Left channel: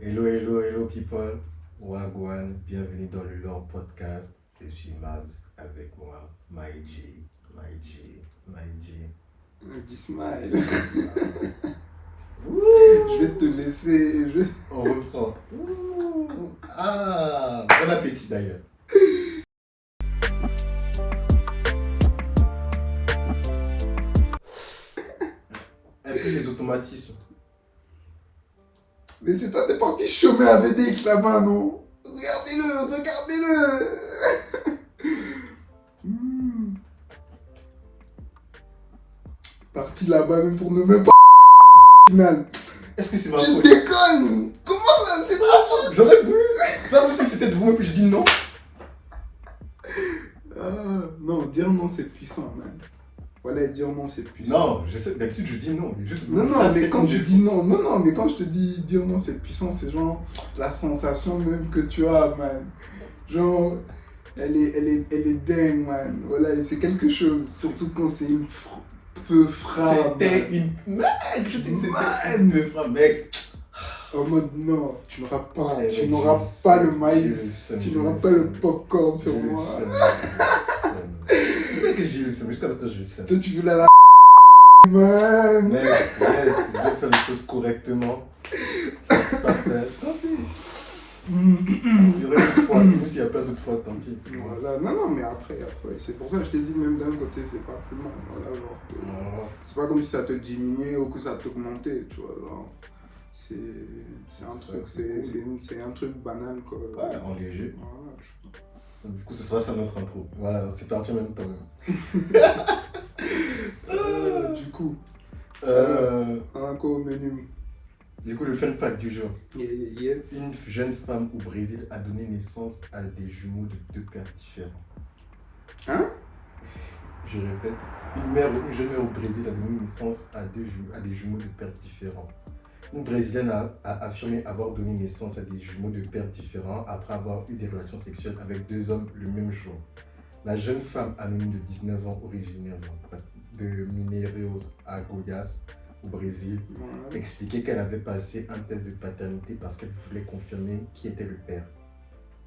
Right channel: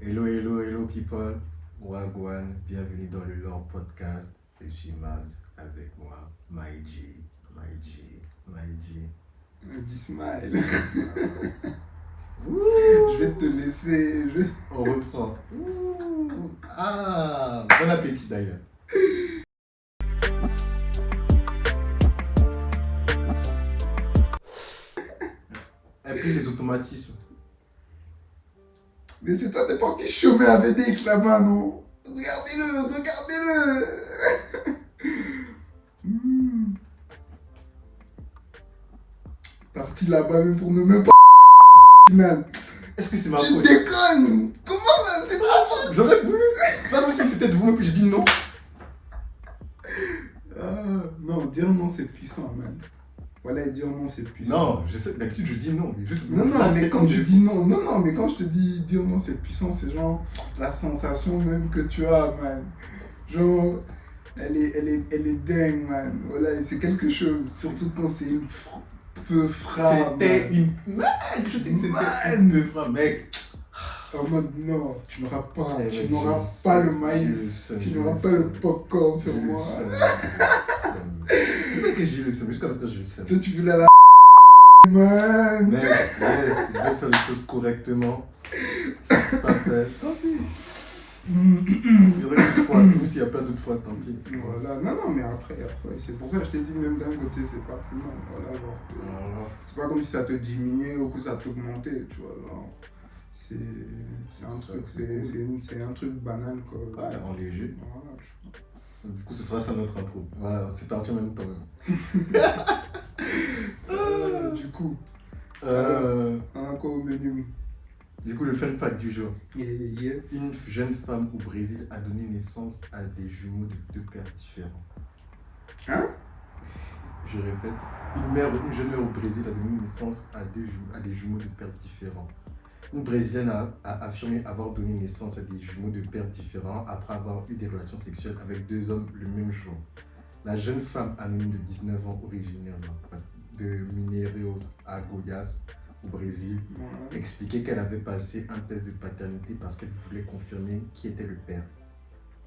Hello, hello, hello people. Wagwan, bienvenue dans le Lore Podcast. Je suis Mabs avec moi, Maïji, Maïji, Maïji. Smile. Ouh, Je vais te laisser. on reprend. Ouh, ah, bon appétit d'ailleurs. Et puis les automatismes. Mais c'est toi, t'es parti chômer à VDX là-bas, non? Regardez-le, regardez-le. Parti là-bas même pour ne même pas final. Est-ce que c'est ma Tu faute? déconnes. Comment ça? C'est pas faute. J'aurais voulu. C'est pas comme si c'était de vous, puis je dis non. Non, dire non, c'est puissant, man. Voilà, dire non, c'est puissant. Non, je sais, d'habitude je dis non. Mais juste Non, là, mais c'était quand comme tu des- dis non, non, mais quand je te dis dire non, c'est puissant, c'est genre la sensation même que tu as, man. Genre, elle est dingue, man. Voilà, et c'est quelque chose, surtout quand c'est une peu frappe. C'était une. Mec, je t'ai dit, c'était Man. une frappe, mec. En mode, non, tu n'auras pas, Ouais, tu mec, n'auras je pas sais, le je maïs, le tu sais, n'auras je pas le le sais. popcorn sur Je le moi. sais, je le sais. Mec, j'ai eu le seum. Jusqu'à maintenant, je le sais. Toi, tu voulais la man. Mec, yes, je vais faire les choses correctement. C'est pas fait. Tant pis. Il y aurait une fois, nous, s'il n'y a pas d'autre fois, tant pis. Voilà, non, mais après, c'est pour ça que je t'ai dit, même d'un côté, c'est pas plus mal. Voilà, genre, Voilà. c'est pas comme si ça te diminuait ou que ça t'augmentait, tu vois. Genre, c'est un Ça, truc, c'est cool. c'est un truc banal, quoi. Ouais, en léger. Voilà, Du coup, ce sera ça notre intro. Voilà, c'est parti en même temps. du coup, un quoi au menu? Du coup, le fun fact du jour. Yeah. Une jeune femme au Brésil a donné naissance à des jumeaux de deux pères différents. Hein? Je répète, une jeune mère au Brésil a donné naissance à des jumeaux de pères différents. Une Brésilienne a affirmé avoir donné naissance à des jumeaux de pères différents après avoir eu des relations sexuelles avec deux hommes le même jour. La jeune femme anonyme de 19 ans, originaire de Mineiros à Goiás, au Brésil, Voilà. expliquait qu'elle avait passé un test de paternité parce qu'elle voulait confirmer qui était le père.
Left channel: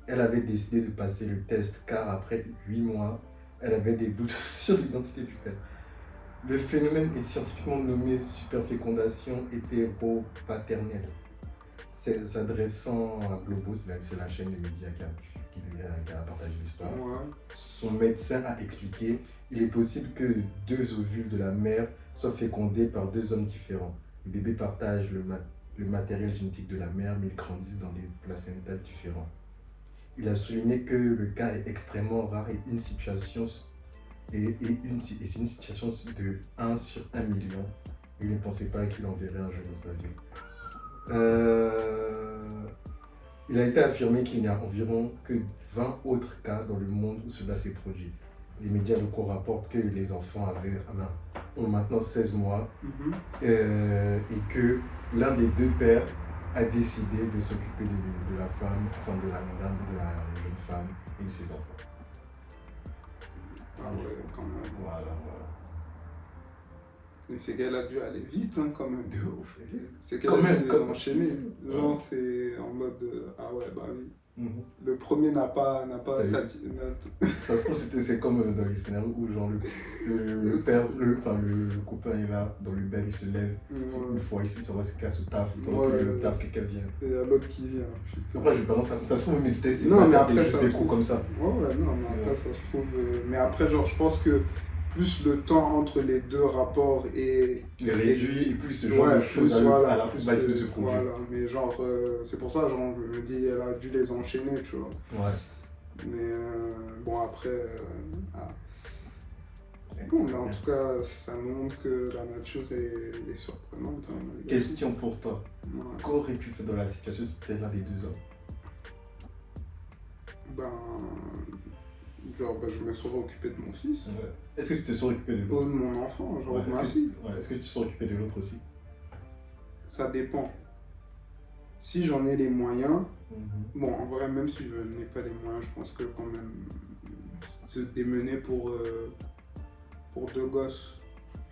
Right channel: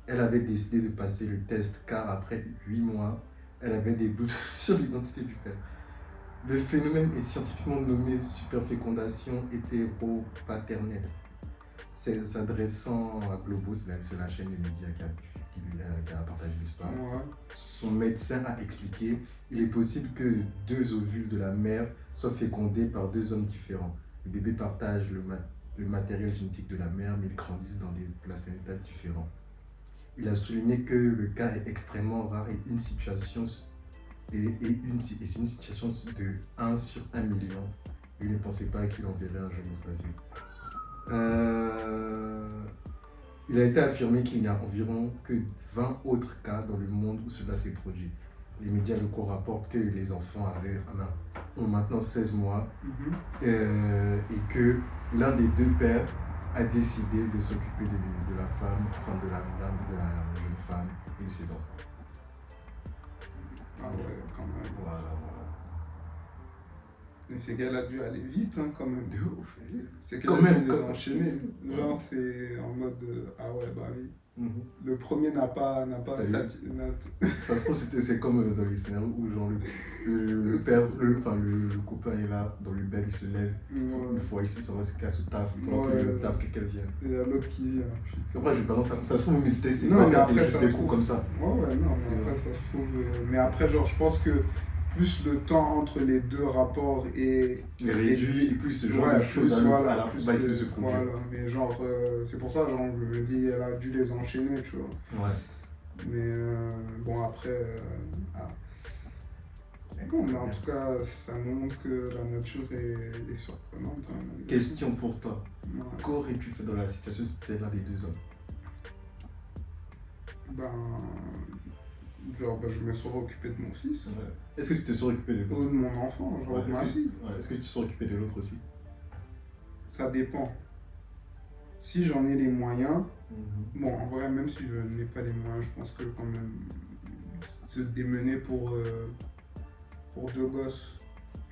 Elle avait décidé de passer le test car après 8 mois, elle avait des doutes sur l'identité du père. Le phénomène est scientifiquement nommé superfécondation hétéropaternelle. S'adressant à Globo, c'est la chaîne de médias qui a partagé l'histoire. Ouais. Son médecin a expliqué il est possible que deux ovules de la mère soient fécondés par deux hommes différents. Le bébé partage le matériel génétique de la mère, mais ils grandissent dans des placentas différents. Il a souligné que le cas est extrêmement rare et c'est une situation de 1 sur 1 million. Il ne pensait pas qu'il en verrait un jour de sa vie. Il a été affirmé qu'il n'y a environ que 20 autres cas dans le monde où cela s'est produit. Les médias locaux rapportent que les enfants ont maintenant 16 mois et que l'un des deux pères a décidé de s'occuper de la femme, enfin de la jeune femme et de ses enfants. Ah ouais, quand même. Voilà. Et c'est qu'elle a dû aller vite, hein, quand même. De ouf. C'est qu'elle Quand a même, dû quand les même. enchaîner. Genre, Ouais. c'est en mode, ah ouais, bah oui. Mhm. Le premier n'a pas T'as vu? satisfait. Ça se trouve, c'est comme dans les scénarios où genre le père, le copain est là, dans le bed, il se lève, une fois ici, ça va se casse au taf, pendant que Ouais. le taf, quelqu'un vient. Et l'autre qui vient. putain. Après, j'ai tendance ça se trouve, mais c'est Non, mais pas après, juste ça des se coups trouve. comme ça. Ouais, non, mais C'est après, vrai. ça se trouve. Mais après, genre, je pense que plus le temps entre les deux rapports est. Il réduit, et plus ce genre Ouais, de choses plus, voilà, à la plus bas de se produire. Voilà, mais genre, c'est pour ça, genre, je me dis, elle a dû les enchaîner, tu vois. Ouais. Mais bon, après. Bon, mais en tout cas, ça montre que la nature est surprenante. Hein, Question pour toi. Ouais. Qu'aurais-tu fait dans la situation si c'était l'un des deux hommes? Ben. Genre, je me serais occupé de mon fils. Ouais. Est-ce que tu te serais occupé de Ou l'autre? de mon enfant, genre Ouais, de ma fille. Est-ce que tu te serais occupé de l'autre aussi? Ça dépend. Si j'en ai les moyens, Mhm. bon, en vrai, même si je n'ai pas les moyens, je pense que quand même se démener pour deux gosses.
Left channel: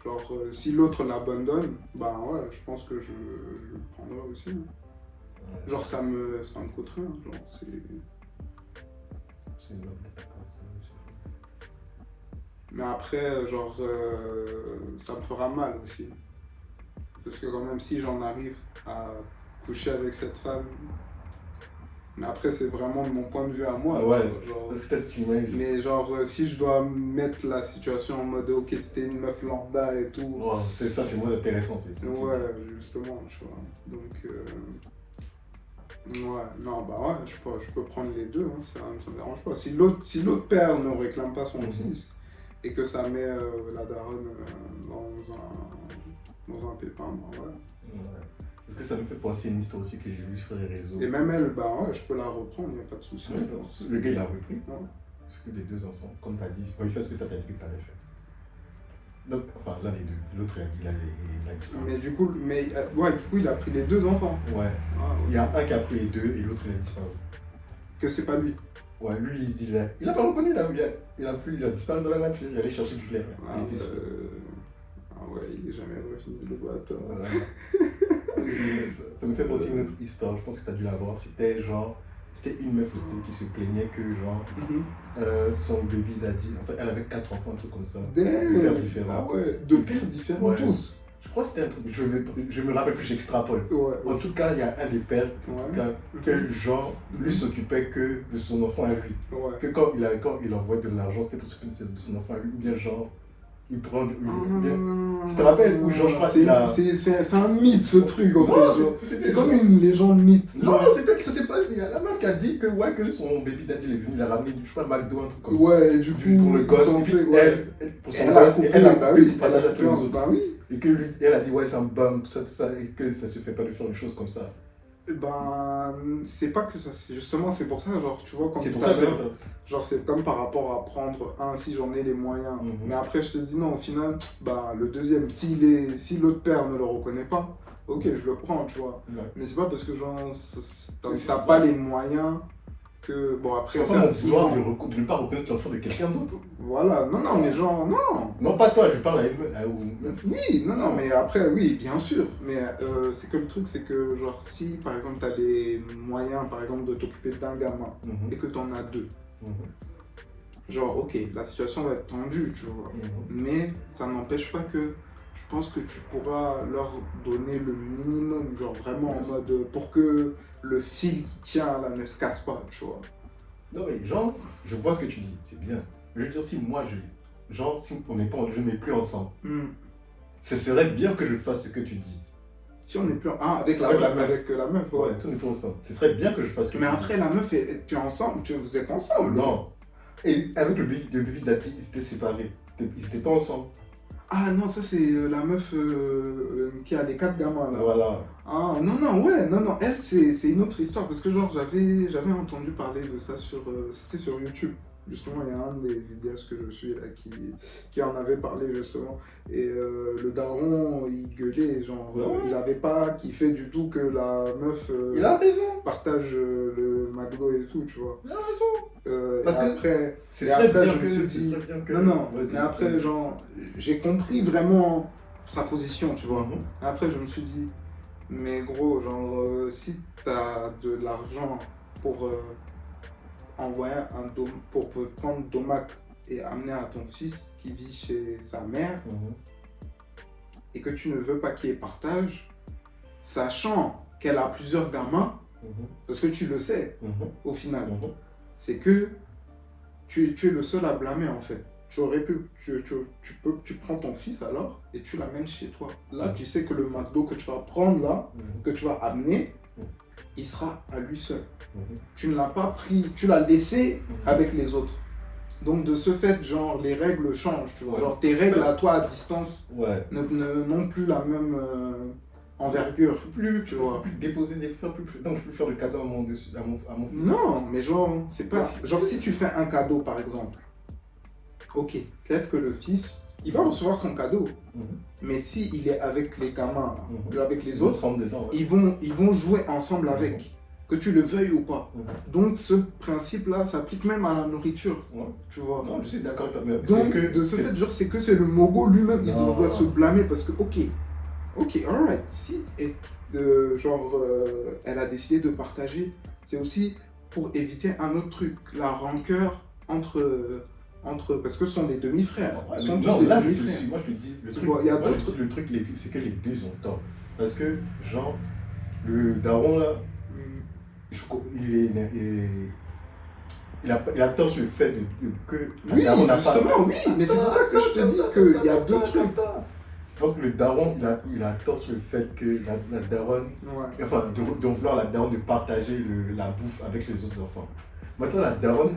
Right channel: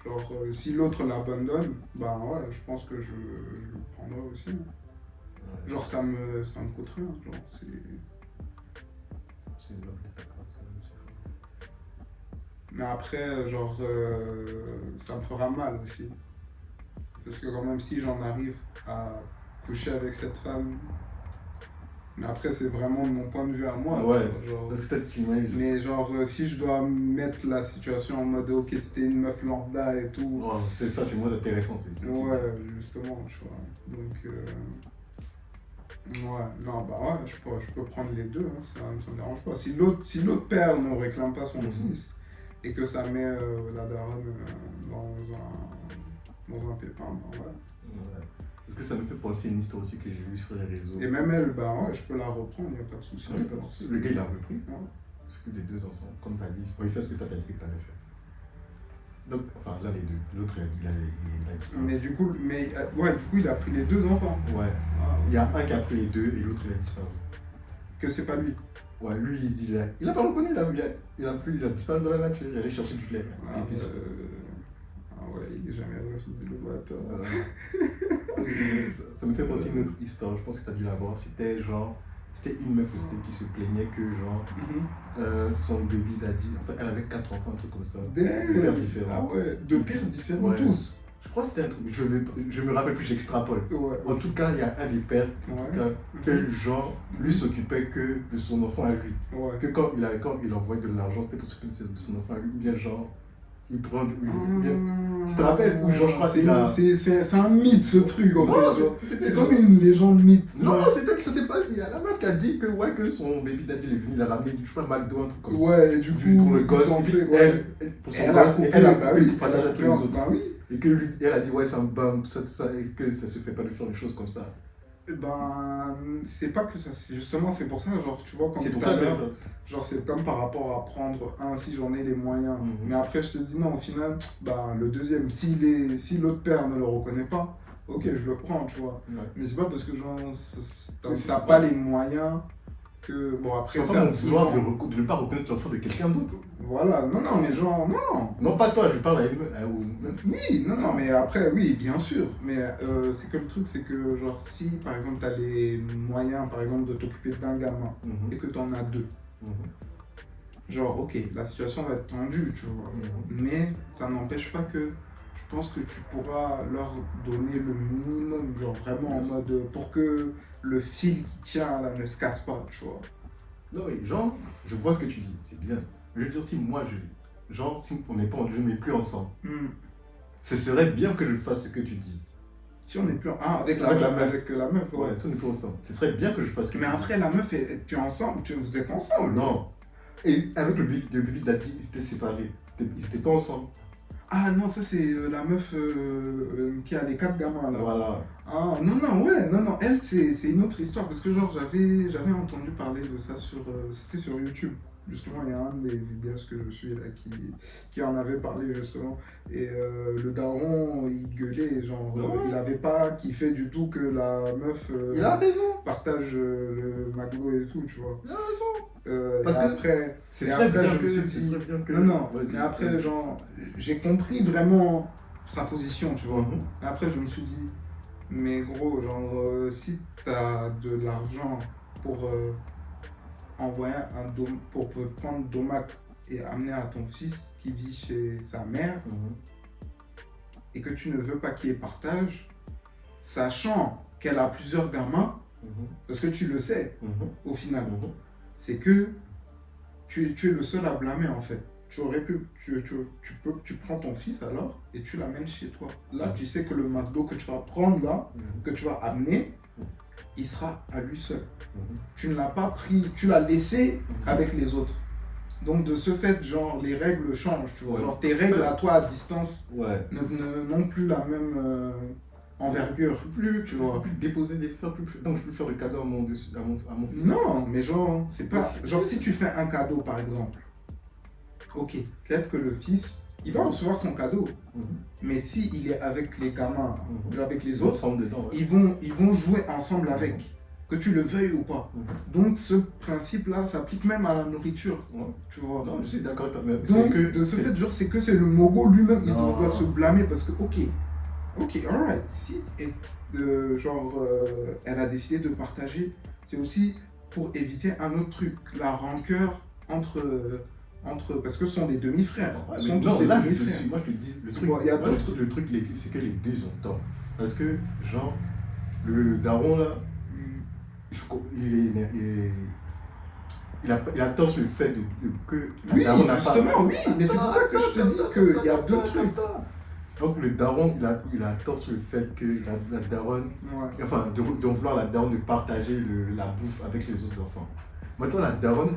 Genre, si l'autre l'abandonne, bah ouais, je pense que je le prendrai aussi. Hein. Genre, ça me coûte rien. Genre, c'est... C'est une bonne étape, ça. Mais après, genre, ça me fera mal aussi. Parce que quand même, si j'en arrive à coucher avec cette femme, mais après, c'est vraiment de mon point de vue à moi. Ouais, genre, parce que peut-être qu'il m'a eu. mais genre, si je dois mettre la situation en mode, ok, c'était une meuf lambda et tout. Ouais, c'est ça, c'est moins intéressant. Ouais, justement, tu vois. Donc, ouais, non, bah ouais, je peux prendre les deux, hein, ça me dérange pas. Si l'autre père ne réclame pas son fils et que ça met la daronne dans un pépin, bah ouais. Ouais. Parce que ça me fait penser à une histoire aussi que j'ai vue sur les réseaux. Et même elle, bah ouais, je peux la reprendre, il n'y a pas de souci. Ouais, le gars il a repris. Ouais. Parce que les deux ensemble, comme tu as dit, il fait ce que toi t'as dit que tu avais fait. Donc, enfin, l'un des deux. L'autre, il a disparu. Mais du coup, il a pris les deux enfants. Ouais. Ah, ouais. Il y a un qui a pris les deux et l'autre, il a disparu. Que c'est pas lui. Ouais, lui, il a pas reconnu, il a disparu dans la nature. Il allait chercher du lait. Ah, Et puis, ouais, il est jamais revenu, le bâtard. ça me fait penser à une autre histoire, je pense que tu as dû la voir. C'était une meuf aussi qui se plaignait que son baby daddy, en fait elle avait 4 enfants, un truc comme ça, de pères différents. Ah ouais, de pères différents, Ouais. tous. Je crois que c'était un truc, je me rappelle plus, j'extrapole. Ouais. En tout cas, il y a un des pères que genre lui s'occupait que de son enfant à lui. Ouais. Que quand il envoyait de l'argent, c'était pour s'occuper de son enfant à lui, ou bien genre il prend. Tu te rappelles où genre je crois qu'il a. C'est un mythe ce truc en Non, fait. C'est comme une légende mythe. Non, c'est peut-être que ça s'est pas. Il y a la meuf qui a dit que, que son baby daddy il est venu, il a ramené du McDo, un truc comme ça. Ouais, et du coup, pour le gosse, pensait, et puis ouais. pour son Elle gosse, coupé, et elle a bah coupé oui, pour partager à tous les autres. bah oui. Et que lui, elle a dit, ouais, c'est un bum, tout ça, et que ça se fait pas de faire des choses comme ça. Ben, c'est pas que ça, c'est justement, c'est pour ça, genre, tu vois, quand C'est pour tout à ça l'heure, que. genre, c'est comme par rapport à prendre un, si j'en ai les moyens. Mais après, je te dis, non, au final, ben, le deuxième, si l'autre père ne le reconnaît pas, ok, je le prends, tu vois. Ouais. Mais c'est pas parce que, genre, t'as pas les moyens que, bon, après, C'est pas mon vouloir de ne pas reconnaître l'enfant de quelqu'un d'autre. Voilà, non, mais genre, non. Non, pas toi, je parle à une. Oui, non, mais après, oui, bien sûr. Mais c'est que le truc, c'est que, genre, si par exemple, tu as les moyens, par exemple, de t'occuper d'un gamin et que tu en as deux, genre, ok, la situation va être tendue, tu vois. Mais ça n'empêche pas que je pense que tu pourras leur donner le minimum, genre, vraiment en mode pour que le fil qui tient là ne se casse pas, tu vois. Non, mais genre, je vois ce que tu dis, c'est bien. Je veux dire, si moi, si on n'est pas, je n'ai plus ensemble, ce serait bien que je fasse ce que tu dis. Si on n'est plus avec la meuf, ouais. Si on n'est plus ensemble, ce serait bien que je fasse ce que tu dis. Mais après, la meuf, tu es ensemble, vous êtes ensemble. Non. Et avec le baby daddy, ils étaient séparés. Ils n'étaient pas ensemble. Ah non, ça c'est la meuf qui a les 4 gamins là. Voilà. Ah non, elle c'est une autre histoire parce que genre j'avais entendu parler de ça c'était sur YouTube. Justement, il y a un des vidéastes que je suis là qui en avait parlé justement. Et le daron, il gueulait, genre, il avait pas kiffé du tout que la meuf il a raison. Partage le McDo et tout, tu vois. Il a raison. Parce que après, ce serait bien que... Non, mais après, genre, j'ai compris vraiment sa position, tu vois. Après, je me suis dit, mais gros, genre, si t'as de l'argent pour... envoyer pour prendre Domac et amener à ton fils qui vit chez sa mère et que tu ne veux pas qu'il y ait partage, sachant qu'elle a plusieurs gamins, parce que tu le sais au final, c'est que tu es le seul à blâmer en fait. Tu aurais pu, tu prends ton fils alors et tu l'amènes chez toi. Là, tu sais que le McDo que tu vas prendre là, que tu vas amener, il sera à lui seul. Tu ne l'as pas pris, tu l'as laissé avec les autres. Donc de ce fait, genre, les règles changent, tu vois. Genre, tes règles à toi à distance n'ont plus la même envergure. Tu vois. Plus déposer des fleurs, donc je peux faire le cadeau à mon fils. Non, mais genre, c'est pas... Genre, si tu fais un cadeau, par exemple, ok, peut-être que le fils, il va recevoir son cadeau. Mais s'il est avec les gamins, avec les autres, dedans, ils vont jouer ensemble avec. Que tu le veuilles ou pas. Donc ce principe-là s'applique même à la nourriture. Tu vois. Non, je suis d'accord avec toi. Donc de ce fait, genre, c'est que c'est le Mogo lui-même, il devrait se blâmer parce que, ok, alright, si elle a décidé de partager, c'est aussi pour éviter un autre truc, la rancœur parce que ce sont des demi-frères. Ouais, Ce sont tous non, des là, je te demi-frères. suis. Moi, je te dis, le Tu truc, vois, il y a moi, je te d'autres- dis, le truc, c'est que les deux ont tort. Parce que, genre, le daron, là, Hmm. il a tort sur le fait que la Oui, daronne n'a pas. justement, oui, mais c'est pour ça que je te dis qu'il y a deux trucs. Donc, le daron, il a tort sur le fait que la daronne, Ouais. enfin, de vouloir la daronne de partager la bouffe avec les autres enfants. Maintenant, la daronne,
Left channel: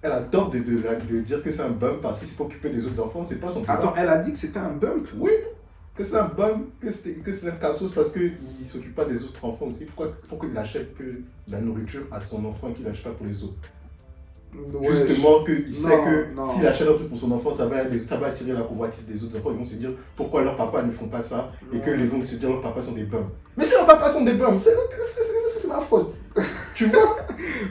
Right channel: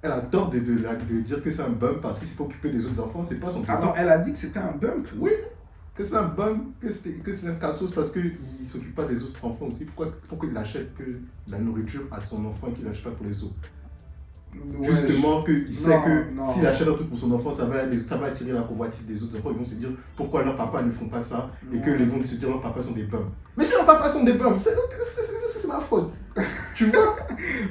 elle a tort de dire que c'est un bum parce que c'est pour occuper des autres enfants, c'est pas son pouvoir. Attends, elle a dit que c'était un bump. Oui, que c'est un bum, que c'est un cassos parce qu'il ne s'occupe pas des autres enfants aussi. Pourquoi il achète que la nourriture à son enfant et qu'il n'achète pas pour les autres? Ouais, Justement, qu'il sait non, que non. s'il achète un truc pour son enfant, ça va attirer la convoitise des autres enfants. Ils vont se dire pourquoi leurs papas ne font pas ça et que Ouais. ils vont se dire leurs papas sont des bums. Mais si leurs papas sont des bums, c'est ma faute. Tu vois?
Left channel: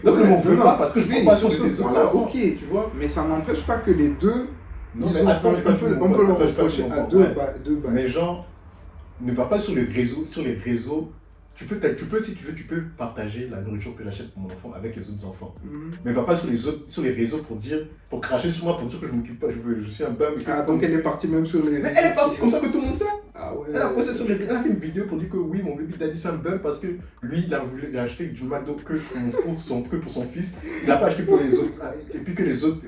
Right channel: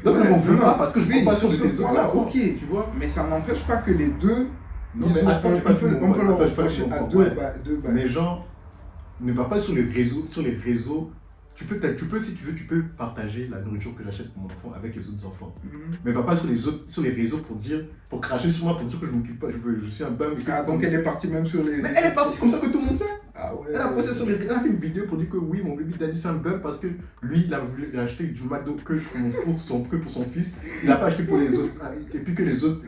Donc Ouais, ne m'en veux non, pas parce que je oui, prends pas sur sur des ce autres point-là, enfants. ok. Tu vois? Mais ça n'empêche pas que les deux, Non, ils mais sont- attends, j'ai pas on fini peut mon point. le Attends, j'ai pas reprocher fini à mon deux point. deux balles. Mais genre, ne va pas sur les réseaux. Tu peux, si tu veux, tu peux partager la nourriture que j'achète pour mon enfant avec les autres enfants. Mhm. Mais va pas sur les réseaux pour cracher sur moi, pour dire que je m'occupe pas, je suis un bum. Ah, donc elle est partie même sur les. Mais elle est partie comme ça que tout le monde sait. Ah ouais. Elle a posté elle a fait une vidéo pour dire que oui, mon baby daddy c'est un bum parce que lui, il a acheté du McDo que pour son fils. Il n'a pas acheté pour les autres. Et puis que les autres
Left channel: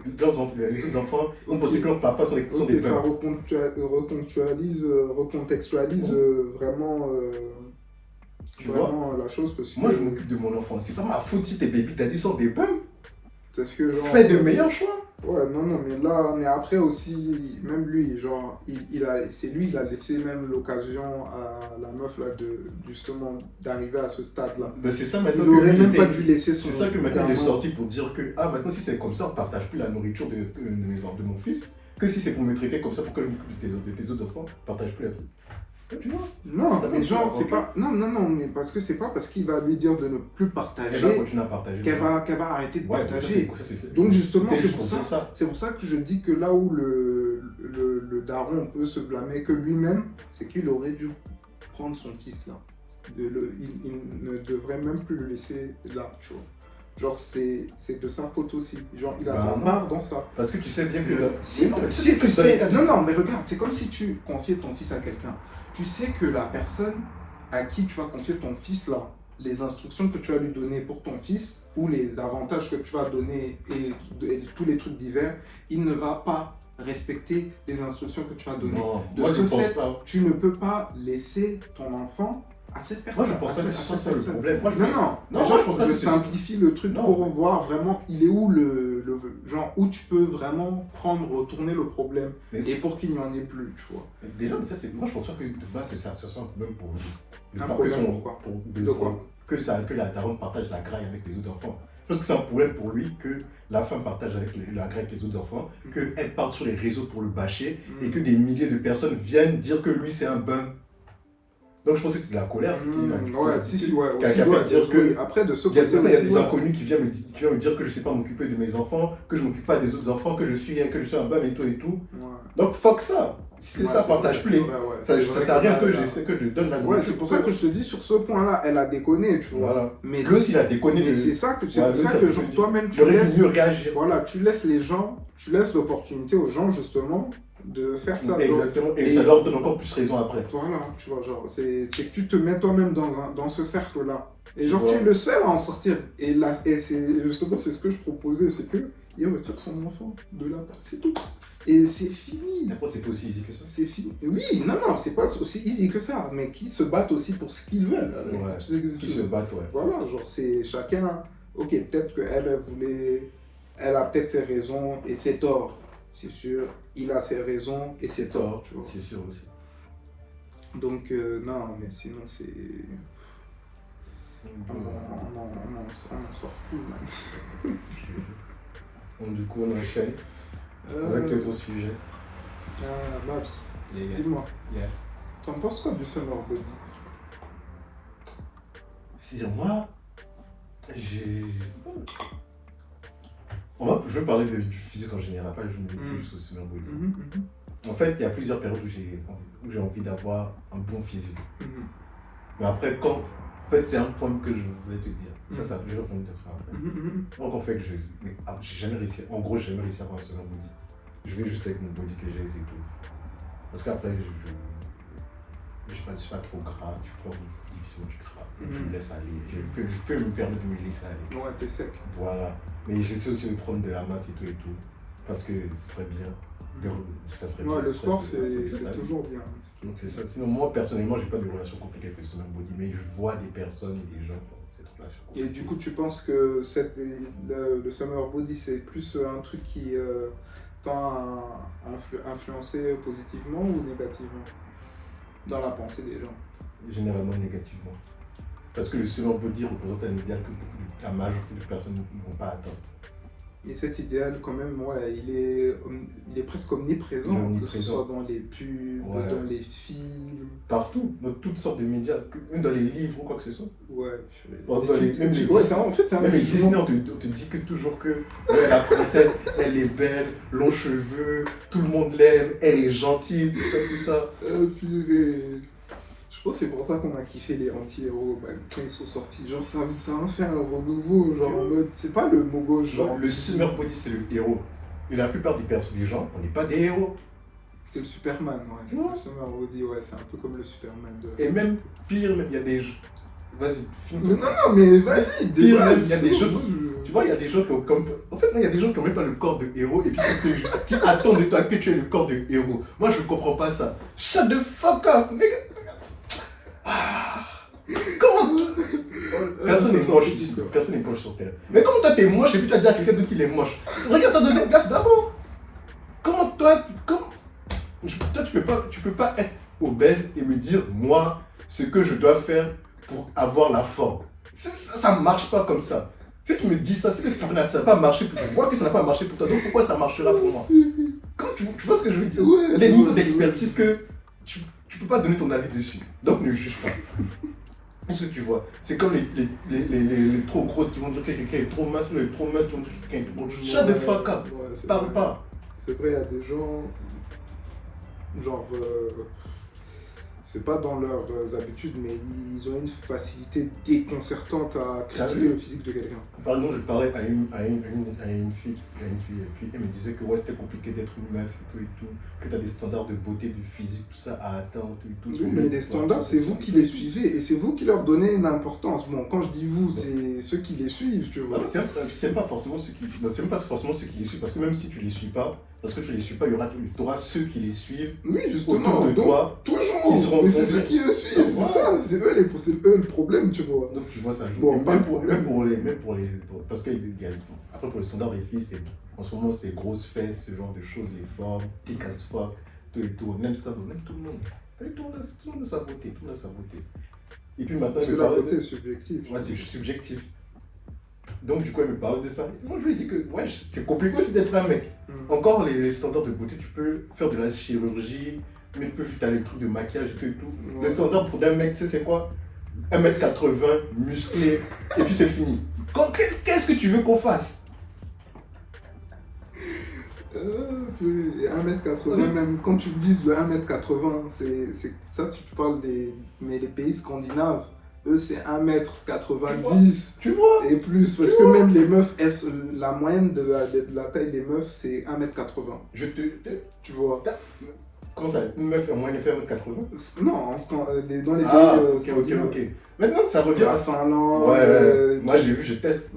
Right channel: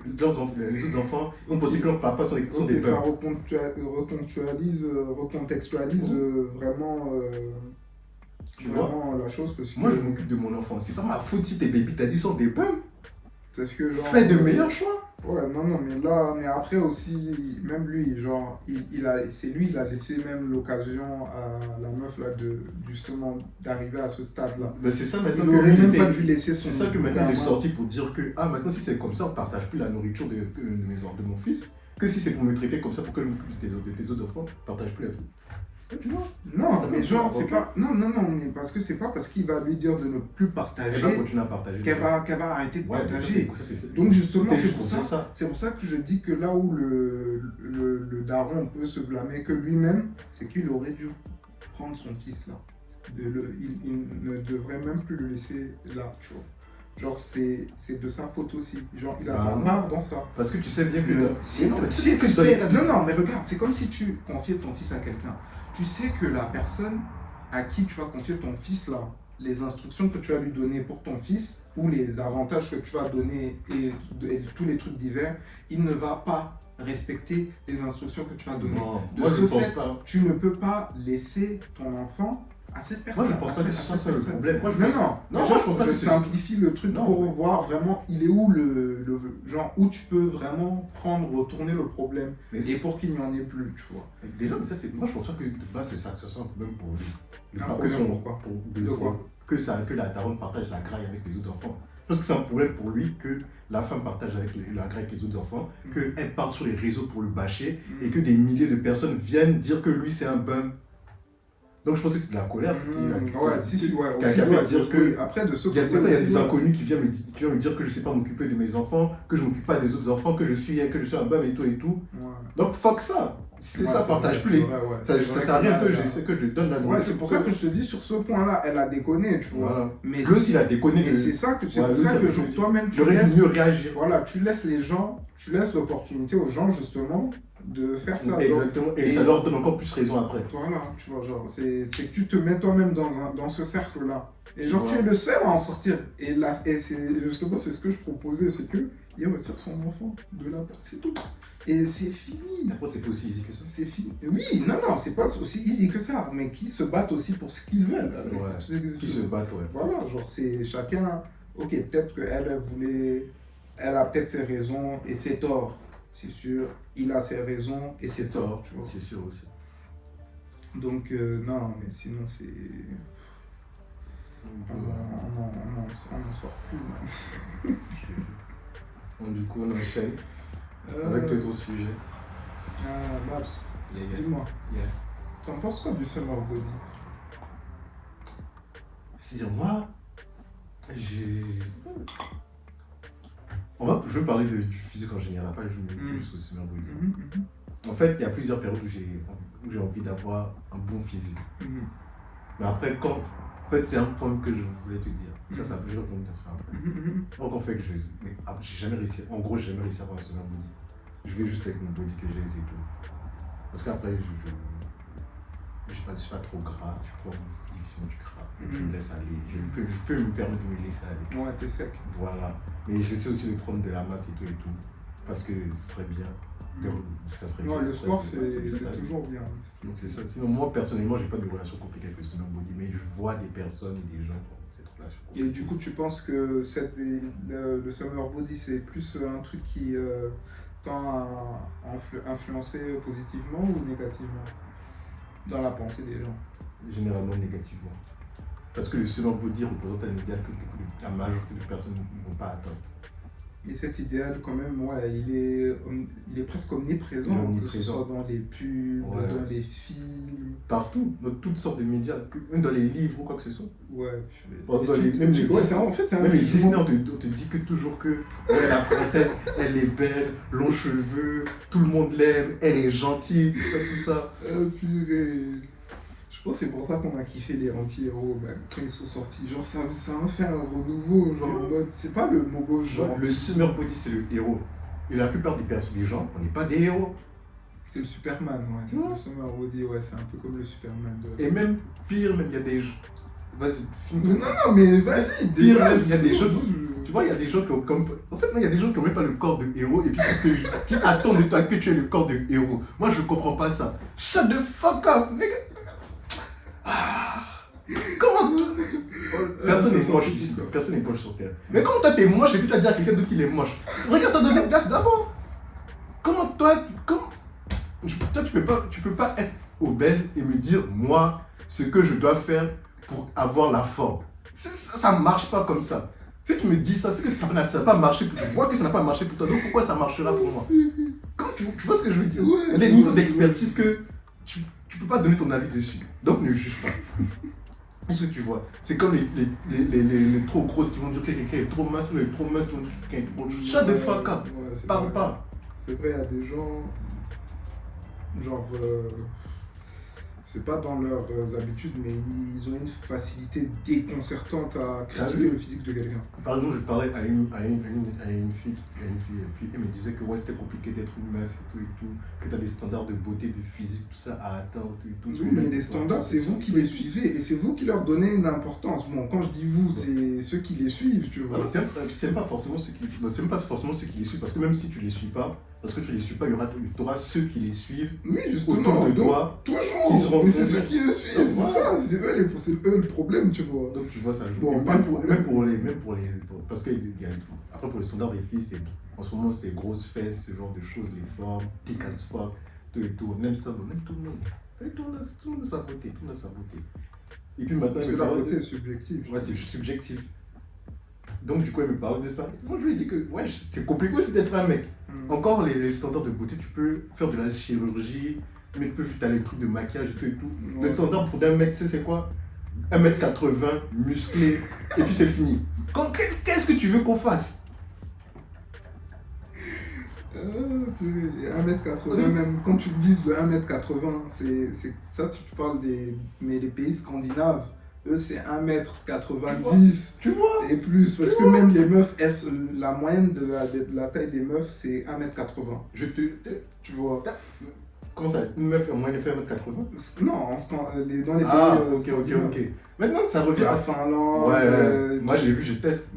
enfants ont pensé que leurs papas sont Ok, des ça bums. recontextualise vraiment, Tu vois? vraiment la chose parce que. Moi, je m'occupe de mon enfant. C'est pas ma faute si tes baby daddy sont des bums. Parce que genre, Fais de meilleurs choix. Ouais, non, mais après aussi, même lui, genre, c'est lui, il a laissé même l'occasion à la meuf là justement d'arriver à ce stade-là. Ben, c'est ça maintenant Il aurait que même pas dû laisser son. c'est ça que maintenant il est gamin. sorti pour dire que maintenant si c'est comme ça, on partage plus la nourriture de mon fils. Que si c'est pour me traiter comme ça, pour que je m'occupe de tes autres enfants, on partage plus la truc. Tu vois? Non, Ça mais va, genre, ok. c'est pas. Non, mais parce que c'est pas parce qu'il va lui dire de ne plus Elle va partager continuer à partager. qu'elle va arrêter de Ouais, mais partager. ça, c'est- Donc justement, c'était c'est juste pour dire ça. C'est pour ça que je dis que là où le daron peut se blâmer que lui-même, c'est qu'il aurait dû prendre son fils là. Il ne devrait même plus le laisser là, tu vois. Genre, c'est de sa faute aussi. Genre, il a Bah sa non. part dans ça. Parce que tu sais bien que. Si, Non, mais si tu sais que tu dans les sais, cas de- non, mais regarde, c'est comme si tu confiais ton fils à quelqu'un. Tu sais que la personne à qui tu vas confier ton fils là, les instructions que tu vas lui donner pour ton fils ou les avantages que tu vas donner et tous les trucs divers, il ne va pas respecter les instructions que tu vas donner. Non, De moi ce je pense fait, pas. Tu ne peux pas laisser ton enfant à cette personne. Moi je pense pas que ce soit ça le personne. problème. Moi, je Non, pense- non, Non, déjà, moi, je pense pas je que c'est- simplifie le truc Non, pour mais- voir vraiment il est où genre où tu peux vraiment retourner le problème Mais et pour qu'il n'y en ait plus, tu vois. déjà, mais ça, moi je pense pas que de base c'est ça, ce soit un problème pour lui. Un Pas problème que son- pourquoi pour- De quoi que la daronne partage la graille avec les autres enfants. Je pense que c'est un problème pour lui que la femme partage la graille avec les autres enfants, qu'elle part sur les réseaux pour le bâcher et que des milliers de personnes viennent dire que lui c'est un bum. Donc je pense que c'est de la colère. Ouais, si, ouais. Qui a aussi, fait ouais, dire que- après, de ce Il y a, côté il y a aussi, des ouais. inconnus qui viennent me dire que je ne sais pas m'occuper de mes enfants, que je ne m'occupe pas des autres enfants, que je suis un bum et tout et tout. Ouais. Donc fuck ça. Si c'est Ouais, ça, partage vrai, plus les. c'est vrai, ouais. Ça C'est ça vrai sert à rien là, que je donne la Ouais, nourriture. c'est pour ça que je te dis, sur ce point-là, elle a déconné, tu vois. Voilà. Mais Lui aussi, il a déconné. mais c'est ça que c'est Ouais, pour lui, ça ça que veut genre, dire- toi-même, Il tu aurait dû laisses. mieux réagir. Voilà, tu laisses les gens, tu laisses l'opportunité aux gens, justement, de faire ça. genre. Exactement. Et Et- ça leur donne encore plus raison après. Voilà, tu vois, genre, c'est que tu te mets toi-même dans ce cercle-là. Et Tu genre, vois. tu es le seul à en sortir. Et là, c'est justement, c'est ce que je proposais, c'est que il retire son enfant de là, c'est tout. Et c'est fini. Après, c'est pas aussi easy que ça. C'est fini. Oui, non, c'est pas aussi easy que ça, mais qui se battent aussi pour ce qu'ils veulent. Ouais. Qui se battent, ouais. Voilà, genre, c'est chacun. Ok, peut-être qu'elle voulait. Elle a peut-être ses raisons et ses torts, c'est sûr. Il a ses raisons et ses torts, tu vois. C'est sûr aussi. Donc, non, mais sinon, c'est. On n'en sort plus, man. Donc, du coup, on enchaîne Euh, avec l'autre sujet. Babs, Yeah, yeah. dis-moi, Yeah. t'en penses quoi du summer body? C'est-à-dire, moi, j'ai. Je veux parler du physique en général, pas juste au summer body. En fait, il y a plusieurs périodes où j'ai envie d'avoir un bon physique. Mais après, quand. En fait, c'est un point que je voulais te dire. Ça, je vais revenir à ça après. Donc, en fait, j'ai jamais réussi. En gros, j'ai jamais réussi à avoir un summer body. Je vais juste avec mon body que j'ai et tout. Parce qu'après, je suis pas trop gras. Je prends difficilement du gras. Je me laisse aller. Je peux me permettre de me laisser aller. Ouais, t'es sec. Voilà. Mais j'essaie aussi de prendre de la masse et tout. Parce que ce serait bien. Ça serait Ouais, bien, le ça sport, serait bien, c'est toujours bien. Donc c'est ça. Sinon, moi, personnellement, j'ai pas de relation compliquée avec le summer body, mais je vois des personnes et des gens qui ont cette relation Et compliquée. du coup, tu penses que le summer body, c'est plus un truc qui tend à influencer positivement ou négativement dans la pensée des gens? Généralement négativement. Parce que le summer body représente un idéal que la majorité de personnes ne vont pas atteindre. Et cet idéal, quand même, ouais, il est presque omniprésent, Il est omniprésent. que ce soit dans les pubs, Ouais. dans les films. Partout, dans toutes sortes de médias, même dans les livres ou quoi que ce soit. Ouais, Dans même les ouais, en fait, c'est un Même les jugement. Disney, on te dit que toujours que la princesse, elle est belle, longs cheveux, tout le monde l'aime, elle est gentille, tout ça. Purée. Je pense que c'est pour ça qu'on a kiffé les anti-héros, même quand ils sont sortis. Genre, ça a fait un renouveau, genre en mode. C'est pas le mot gauche, genre. Le summer body, c'est le héros. Et la plupart des gens, on n'est pas des héros. C'est le Superman, ouais. Tu vois? Le Summer Body, ouais, c'est un peu comme le Superman de. Et même pire, même il y a des gens. Vas-y, Non, finis. non, mais vas-y, Pire, même, il y a des gens qui. Tu vois, il y a des gens qui ont comme. En fait, il y a des gens qui n'ont même pas le corps de héros et puis qui attendent de toi que tu aies le corps de héros. Moi, je ne comprends pas ça. Shut the fuck up, nigga. Ah. Comment Personne n'est moche ici, personne n'est moche sur Terre. Mais comment toi t'es moche et puis tu vas dire à quelqu'un d'autre qu'il est moche? Regarde ta deuxième place d'abord. Comment toi, toi tu peux pas être obèse et me dire moi ce que je dois faire pour avoir la forme. Ça ne marche pas comme ça. Si tu me dis ça, c'est que ça n'a pas marché pour toi. Je vois que ça n'a pas marché pour toi, donc pourquoi ça marchera pour moi? Quand tu vois ce que je veux dire? Il y a des niveaux d'expertise que tu peux pas donner ton avis dessus. Donc ne juge pas. Est-ce que tu vois? C'est comme les trop grosses qui vont dire que quelqu'un est trop mince, les trop minces qui vont dire que quelqu'un est trop. Shut the fuck up. Parle pas. C'est vrai, il y a des gens. Genre. C'est pas dans leurs habitudes, mais ils ont une facilité déconcertante à critiquer le physique de quelqu'un. Par exemple, je parlais à une fille, et puis elle me disait que ouais, c'était compliqué d'être une meuf et tout, que tu as des standards de beauté, de physique, tout ça à atteindre et tout. Oui, mais les standards, c'est vous qui les suivez et c'est vous qui leur donnez une importance. Bon, quand je dis vous, c'est ceux qui les suivent, tu vois. C'est pas forcément ceux qui. C'est même pas forcément ceux qui les suivent, parce que même si tu les suis pas, il y aura ceux qui les suivent. Oui, justement. Autour de toi. Toujours. Mais c'est ceux qui le suivent, c'est ça. C'est eux le problème, tu vois. Donc tu vois, ça joue. Bon, même pour les. Parce que après, pour le standard des filles, en ce moment, c'est grosses fesses, ce genre de choses, les formes, thick as fuck, tout et tout. Même ça, même tout le monde. Tout le monde a sa beauté. Tout le monde a sa beauté. Et puis maintenant, parce que la beauté est subjective. Ouais, c'est subjectif. Donc du coup, elle me parle de ça. Moi, je lui ai dit que ouais, c'est compliqué aussi d'être un mec. Encore, les standards de beauté, tu peux faire de la chirurgie, mais tu peux faire les trucs de maquillage et tout. Le standard pour un mec, tu sais, c'est quoi? 1m80, musclé, et puis c'est fini. Qu'est-ce que tu veux qu'on fasse? 1m80, même quand tu vises le 1m80, c'est ça, tu parles mais les pays scandinaves, eux c'est 1m90 tu vois et plus, parce que même les meufs, la moyenne de la taille des meufs c'est 1m80. Tu vois. Comment ça? Une meuf, moi, elle fait 1m80? Non, dans les pays ok. Maintenant, ça revient à Finlande. Ouais, moi j'ai vu, je teste.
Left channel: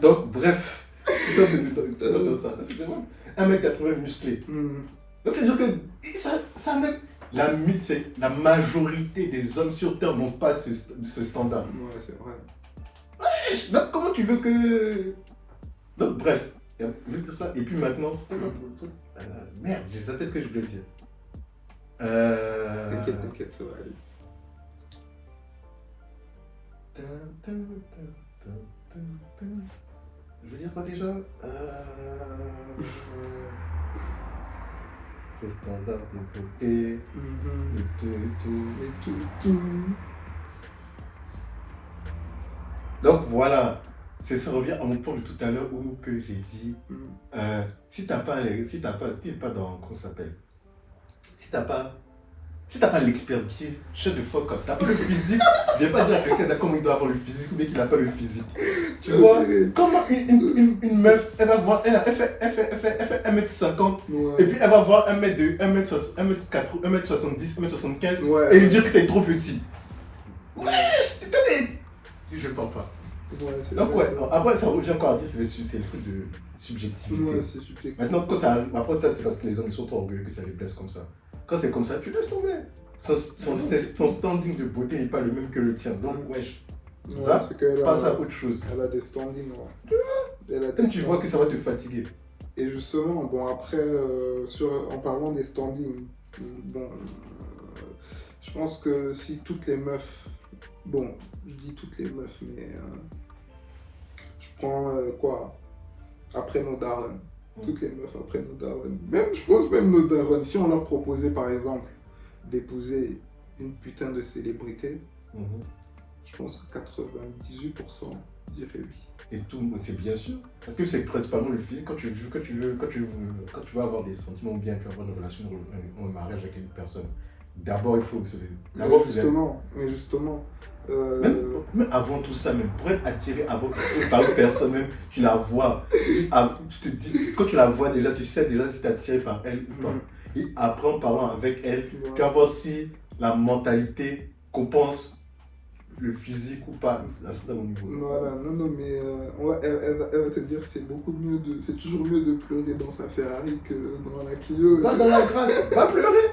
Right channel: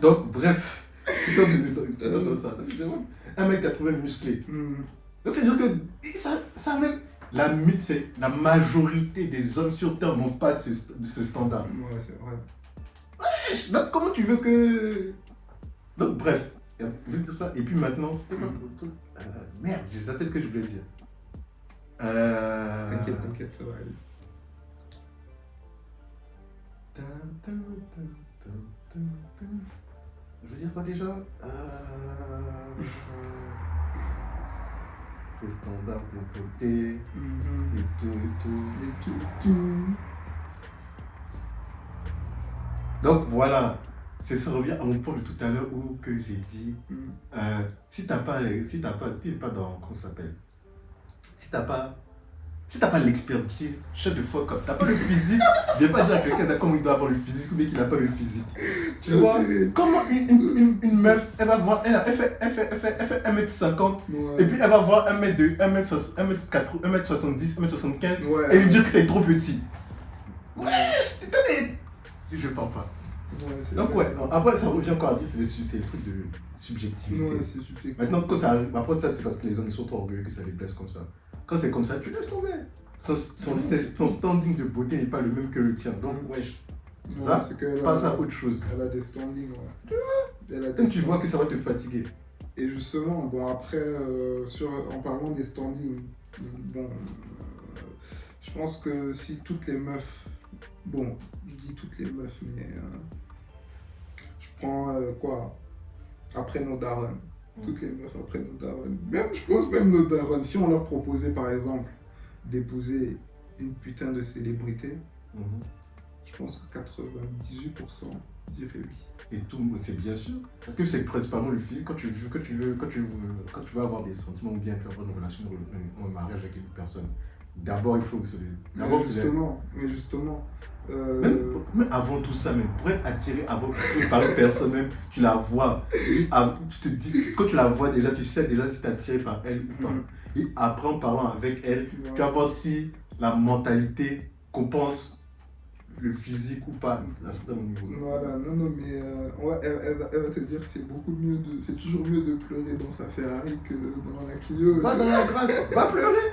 Donc, bref. Tu t'entends ça. 1m80 musclé. Donc, c'est-à-dire que ça même. La majorité des hommes sur Terre n'ont pas ce standard. Ouais, c'est vrai. Ouais, donc, comment tu veux que. Donc, bref. Je veux dire ça. Et puis maintenant, merde, j'ai sapé ce que je voulais dire. T'inquiète, ça va aller. Je veux dire quoi déjà? Les standards de beauté, et tout. Donc voilà, ça revient à mon point de tout à l'heure où que j'ai dit, si t'es pas dans, comment ça s'appelle? Si t'as pas Si t'as pas l'expertise, shut the fuck up. T'as pas le physique, viens pas dire à quelqu'un comment il doit avoir le physique ou bien qu'il n'a pas le physique. Tu vois, comment une meuf, elle va voir, elle fait 1m50 et puis elle va voir 1m2, 1m4, 1m70, 1m75 et lui dire que t'es trop petit. Ouais, je parle pas. Donc ouais, après ça revient encore à dire, c'est le truc de subjectivité. Ouais, c'est subjectif. Maintenant, quand ça arrive, après ça c'est parce que les hommes ils sont trop orgueilleux que ça les blesse comme ça. Quand c'est comme ça, tu laisses tomber. Son standing de beauté n'est pas le même que le tien. Donc wesh, ça, passe à autre chose. Elle a des standings, Quand tu vois que ça va te fatiguer. Et justement, bon après, en parlant des standings, bon, je pense que si toutes les meufs, bon, je dis toutes les meufs, mais je prends quoi, après nos darons, toutes les meufs après nos darons, même, je pense même nos darons, si on leur proposait par exemple d'épouser une putain de célébrité, je pense que 98% diraient oui. Et tout, c'est bien sûr. Parce que c'est principalement le physique. Quand tu veux avoir des sentiments ou bien tu veux avoir une relation, un mariage avec une personne, d'abord il faut d'abord mais justement. Même avant tout ça, même pour être attiré par une personne, même tu la vois, tu te dis, quand tu la vois déjà, tu sais déjà si tu es attiré par elle ou pas. Et après en parlant avec elle, tu vas voir si la mentalité compense le physique ou pas à un certain niveau. Voilà, non, mais elle va te dire c'est toujours mieux de pleurer dans sa Ferrari que dans la Clio. Va dans la grâce, va pleurer.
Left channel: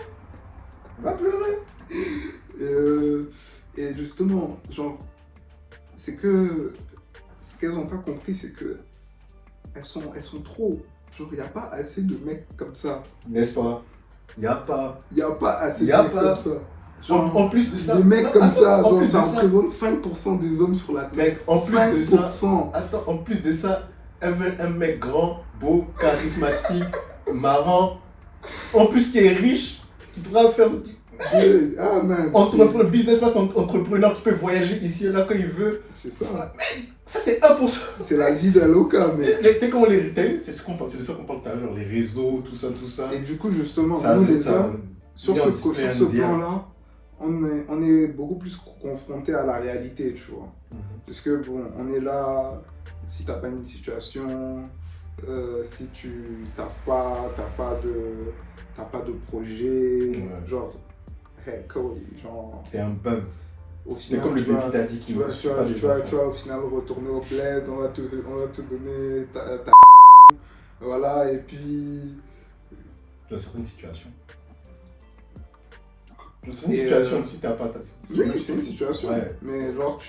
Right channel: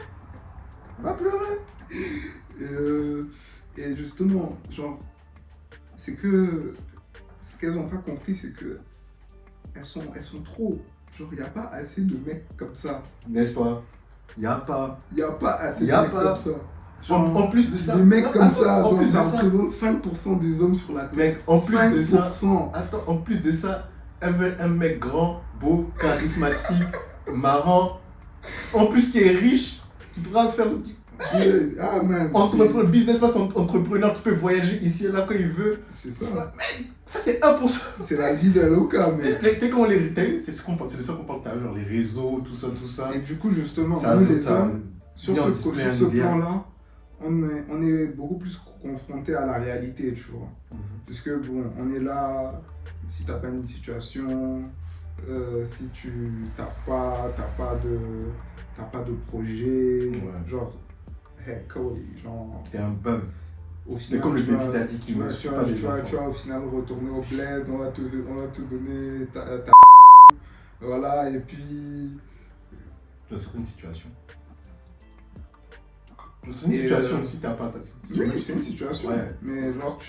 Va pleurer. Et justement, genre, c'est que ce qu'elles n'ont pas compris, c'est que elles sont trop. Genre, il n'y a pas assez de mecs comme ça. N'est-ce pas? Il n'y a pas assez de mecs comme ça. Genre, en plus de ça, des mecs comme ça, genre, ça représente 5% des hommes sur la terre. En plus de ça, en plus de ça, elle veut un mec grand, beau, charismatique, marrant, en plus qui est riche, qui pourra faire entrepreneur, businessman, entrepreneur, qui peut voyager ici et là quand il veut. C'est ça. Mec, ça c'est 1%. C'est la vie d'Aloca, mais. T'es comme c'est de ça qu'on parle tout à l'heure, les réseaux, tout ça. Et du coup, justement, nous les hommes, sur ce plan-là, on est beaucoup plus confronté à la réalité, tu vois. Parce que bon, on est là, si t'as pas une situation, si tu taffes pas, t'as pas de projet, genre, hey Cody, genre. T'es un bum. Au final, comme le baby daddy qui tu vas au final retourner au bled, on va te donner ta voilà, et puis. Dans certaines situations. C'est une situation aussi, t'as pas ta situation. Oui, c'est une situation. Ouais. Mais genre,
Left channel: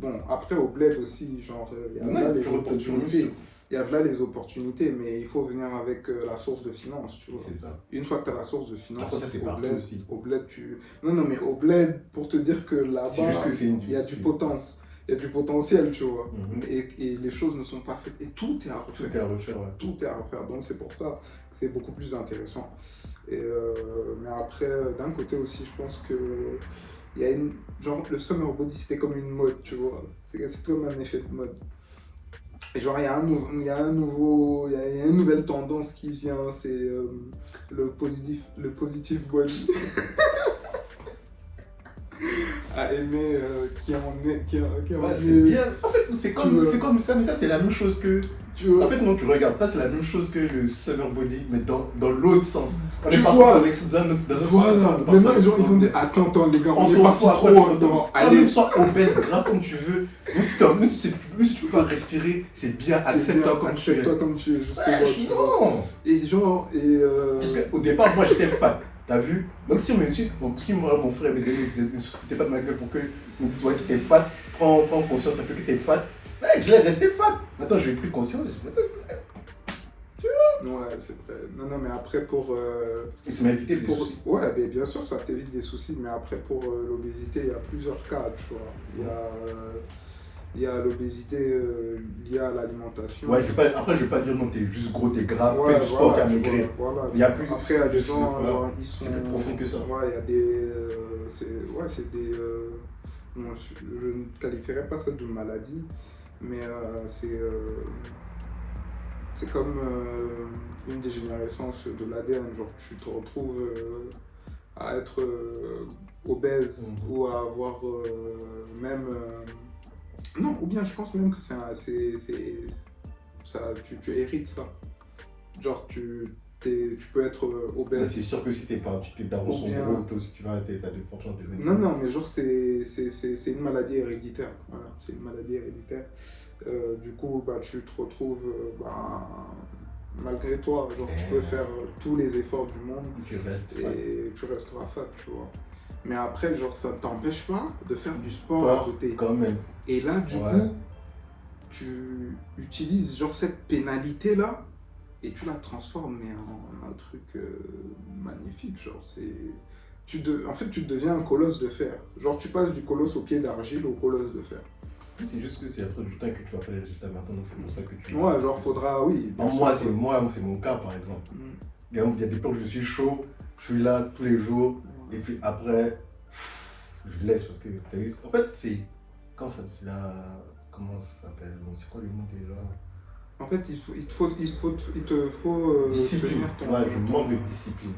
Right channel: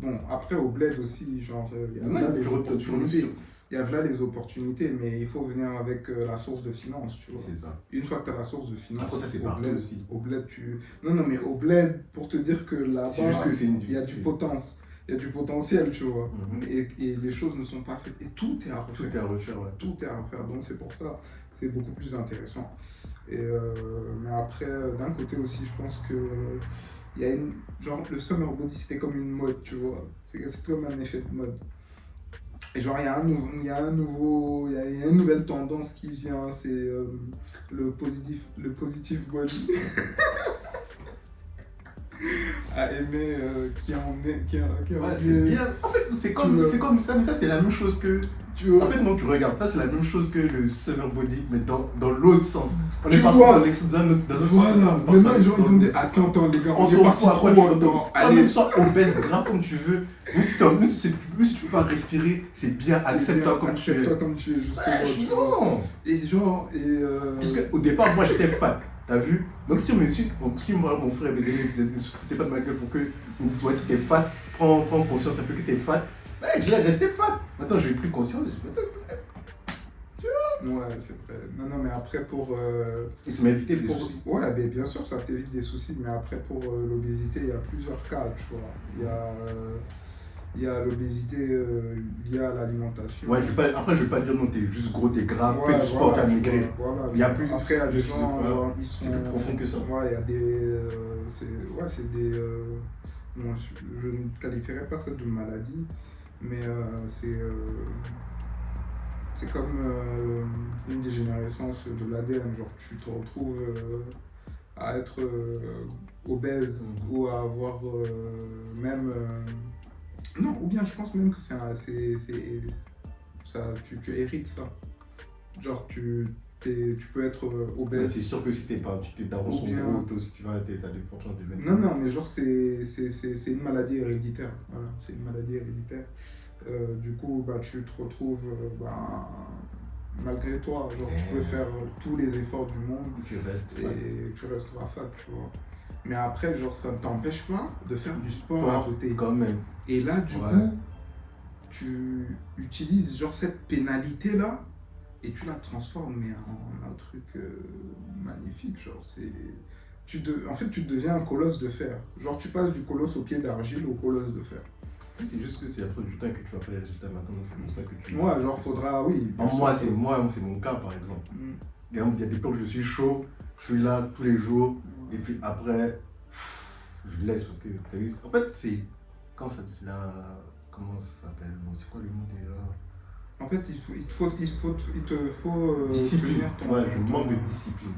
bon, après, au bled aussi, genre, il y a là les opportunités, mais il faut venir avec la source de finance, tu vois. C'est ça. Une fois que tu as la source de finance, après, ça, c'est partout aussi. Au bled, Non, mais au bled, pour te dire que là-bas, il y a du potentiel. Il y a du potentiel, tu vois. Et les choses ne sont pas faites. Et tout est à refaire. Tout est à refaire, ouais. Tout est à refaire. Donc, c'est pour ça que c'est beaucoup plus intéressant. Mais après, d'un côté aussi, je pense que il y a genre le summer body, c'était comme une mode, tu vois. C'est comme un effet de mode. Et genre, il y a une nouvelle tendance qui vient, c'est le positive body. À aimer, ouais, c'est bien. En fait, c'est comme ça, mais ça, c'est la même chose que. En fait, non, tu regardes, ça, c'est la même chose que le summer body, mais dans l'autre sens. On est parti dans un sens. Voilà, maintenant, les gens, ils ont dit attends, les gars, on est parti trop dans. Allez, sois obèse, gras comme tu veux. Même si tu peux pas respirer, c'est bien, accepte-toi comme tu es. Accepte-toi comme tu es, justement. Non. Et genre, parce qu'au départ, moi, j'étais fat. T'as vu? Donc si moi, mon frère et mes amis ne se foutaient pas de ma gueule pour que me disent ouais, que t'es fat, prends conscience un peu que t'es fat. Ouais, je l'ai resté fat. Maintenant, j'ai pris conscience. Tu vois? Ouais, c'est vrai. Non, mais après pour. Et ça m'a évité des soucis. Ouais, mais bien sûr, ça t'évite des soucis. Mais après, pour l'obésité, il y a plusieurs cas, tu vois. Il y a l'obésité liée à l'alimentation. Ouais, après, je vais pas dire non, t'es juste gros, t'es gras, fais du sport, t'as maigri. Voilà. Il y a plus. Après, il y a des gens, c'est plus profond que ça. Ouais, il y a des. C'est des. Moi, je ne qualifierais pas ça de maladie, mais c'est comme une dégénérescence de l'ADN. Genre, tu te retrouves à être obèse ou à avoir même... non, ou bien je pense même que ça, tu hérites ça. Genre, tu peux être obèse. C'est sûr que si tes darons sont bien... gros, toi aussi tu as de fortes chances de devenir. Non, mais genre, c'est une maladie héréditaire. Voilà, c'est une maladie héréditaire. Du coup, bah, tu te retrouves, malgré toi, genre, tu peux faire tous les efforts du monde tu restes et tu resteras fat, tu vois. Mais après, genre, ça ne t'empêche pas de faire du sport à côté. Quand même. Et là, du coup, tu utilises genre cette pénalité-là et tu la transformes mais en un truc magnifique. Genre, en fait, tu deviens un colosse de fer. Genre, tu passes du colosse au pied d'argile au colosse de fer. C'est juste que c'est après du temps que tu vas pas les résultats maintenant, donc c'est pour ça que tu... Ouais, genre, faudra, oui. Moi, c'est mon cas, par exemple. Il y a des temps où je suis chaud, je suis là tous les jours, et puis après, je laisse parce que, en fait, c'est... Comment ça s'appelle? Bon, c'est quoi le mot déjà? En fait, il te faut discipline. Ouais, je manque de discipline.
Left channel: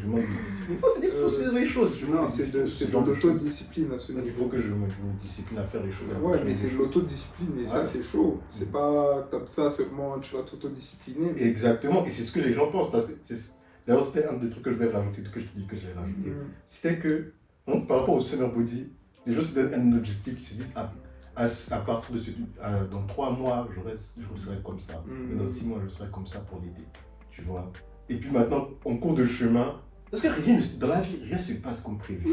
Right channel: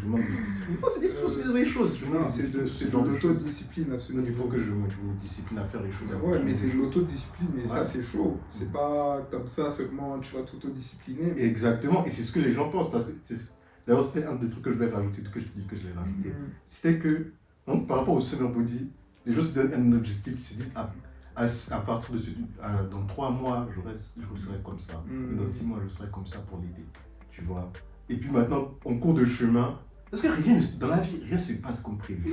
Je manque de discipline. Il faut faire les choses. Non, c'est de l'autodiscipline à ce niveau. Il faut que je me discipline à faire les choses. Ouais, mais c'est de l'autodiscipline et ça, c'est chaud. C'est pas comme ça seulement tu vas t'autodiscipliner. Mais... Exactement, et c'est ce que les gens pensent. Parce que d'ailleurs, c'était un des trucs que je vais rajouter, que je te dis que je l'ai rajouté. C'était que, donc, par rapport au Summer Body, les gens se donnent un objectif, ils se disent à partir de dans 3 mois, je serai comme ça. Et dans 6 mois, je serai comme ça pour l'été. Tu vois. Et puis maintenant, en cours de chemin, parce que dans la vie, rien ne se passe comme prévu.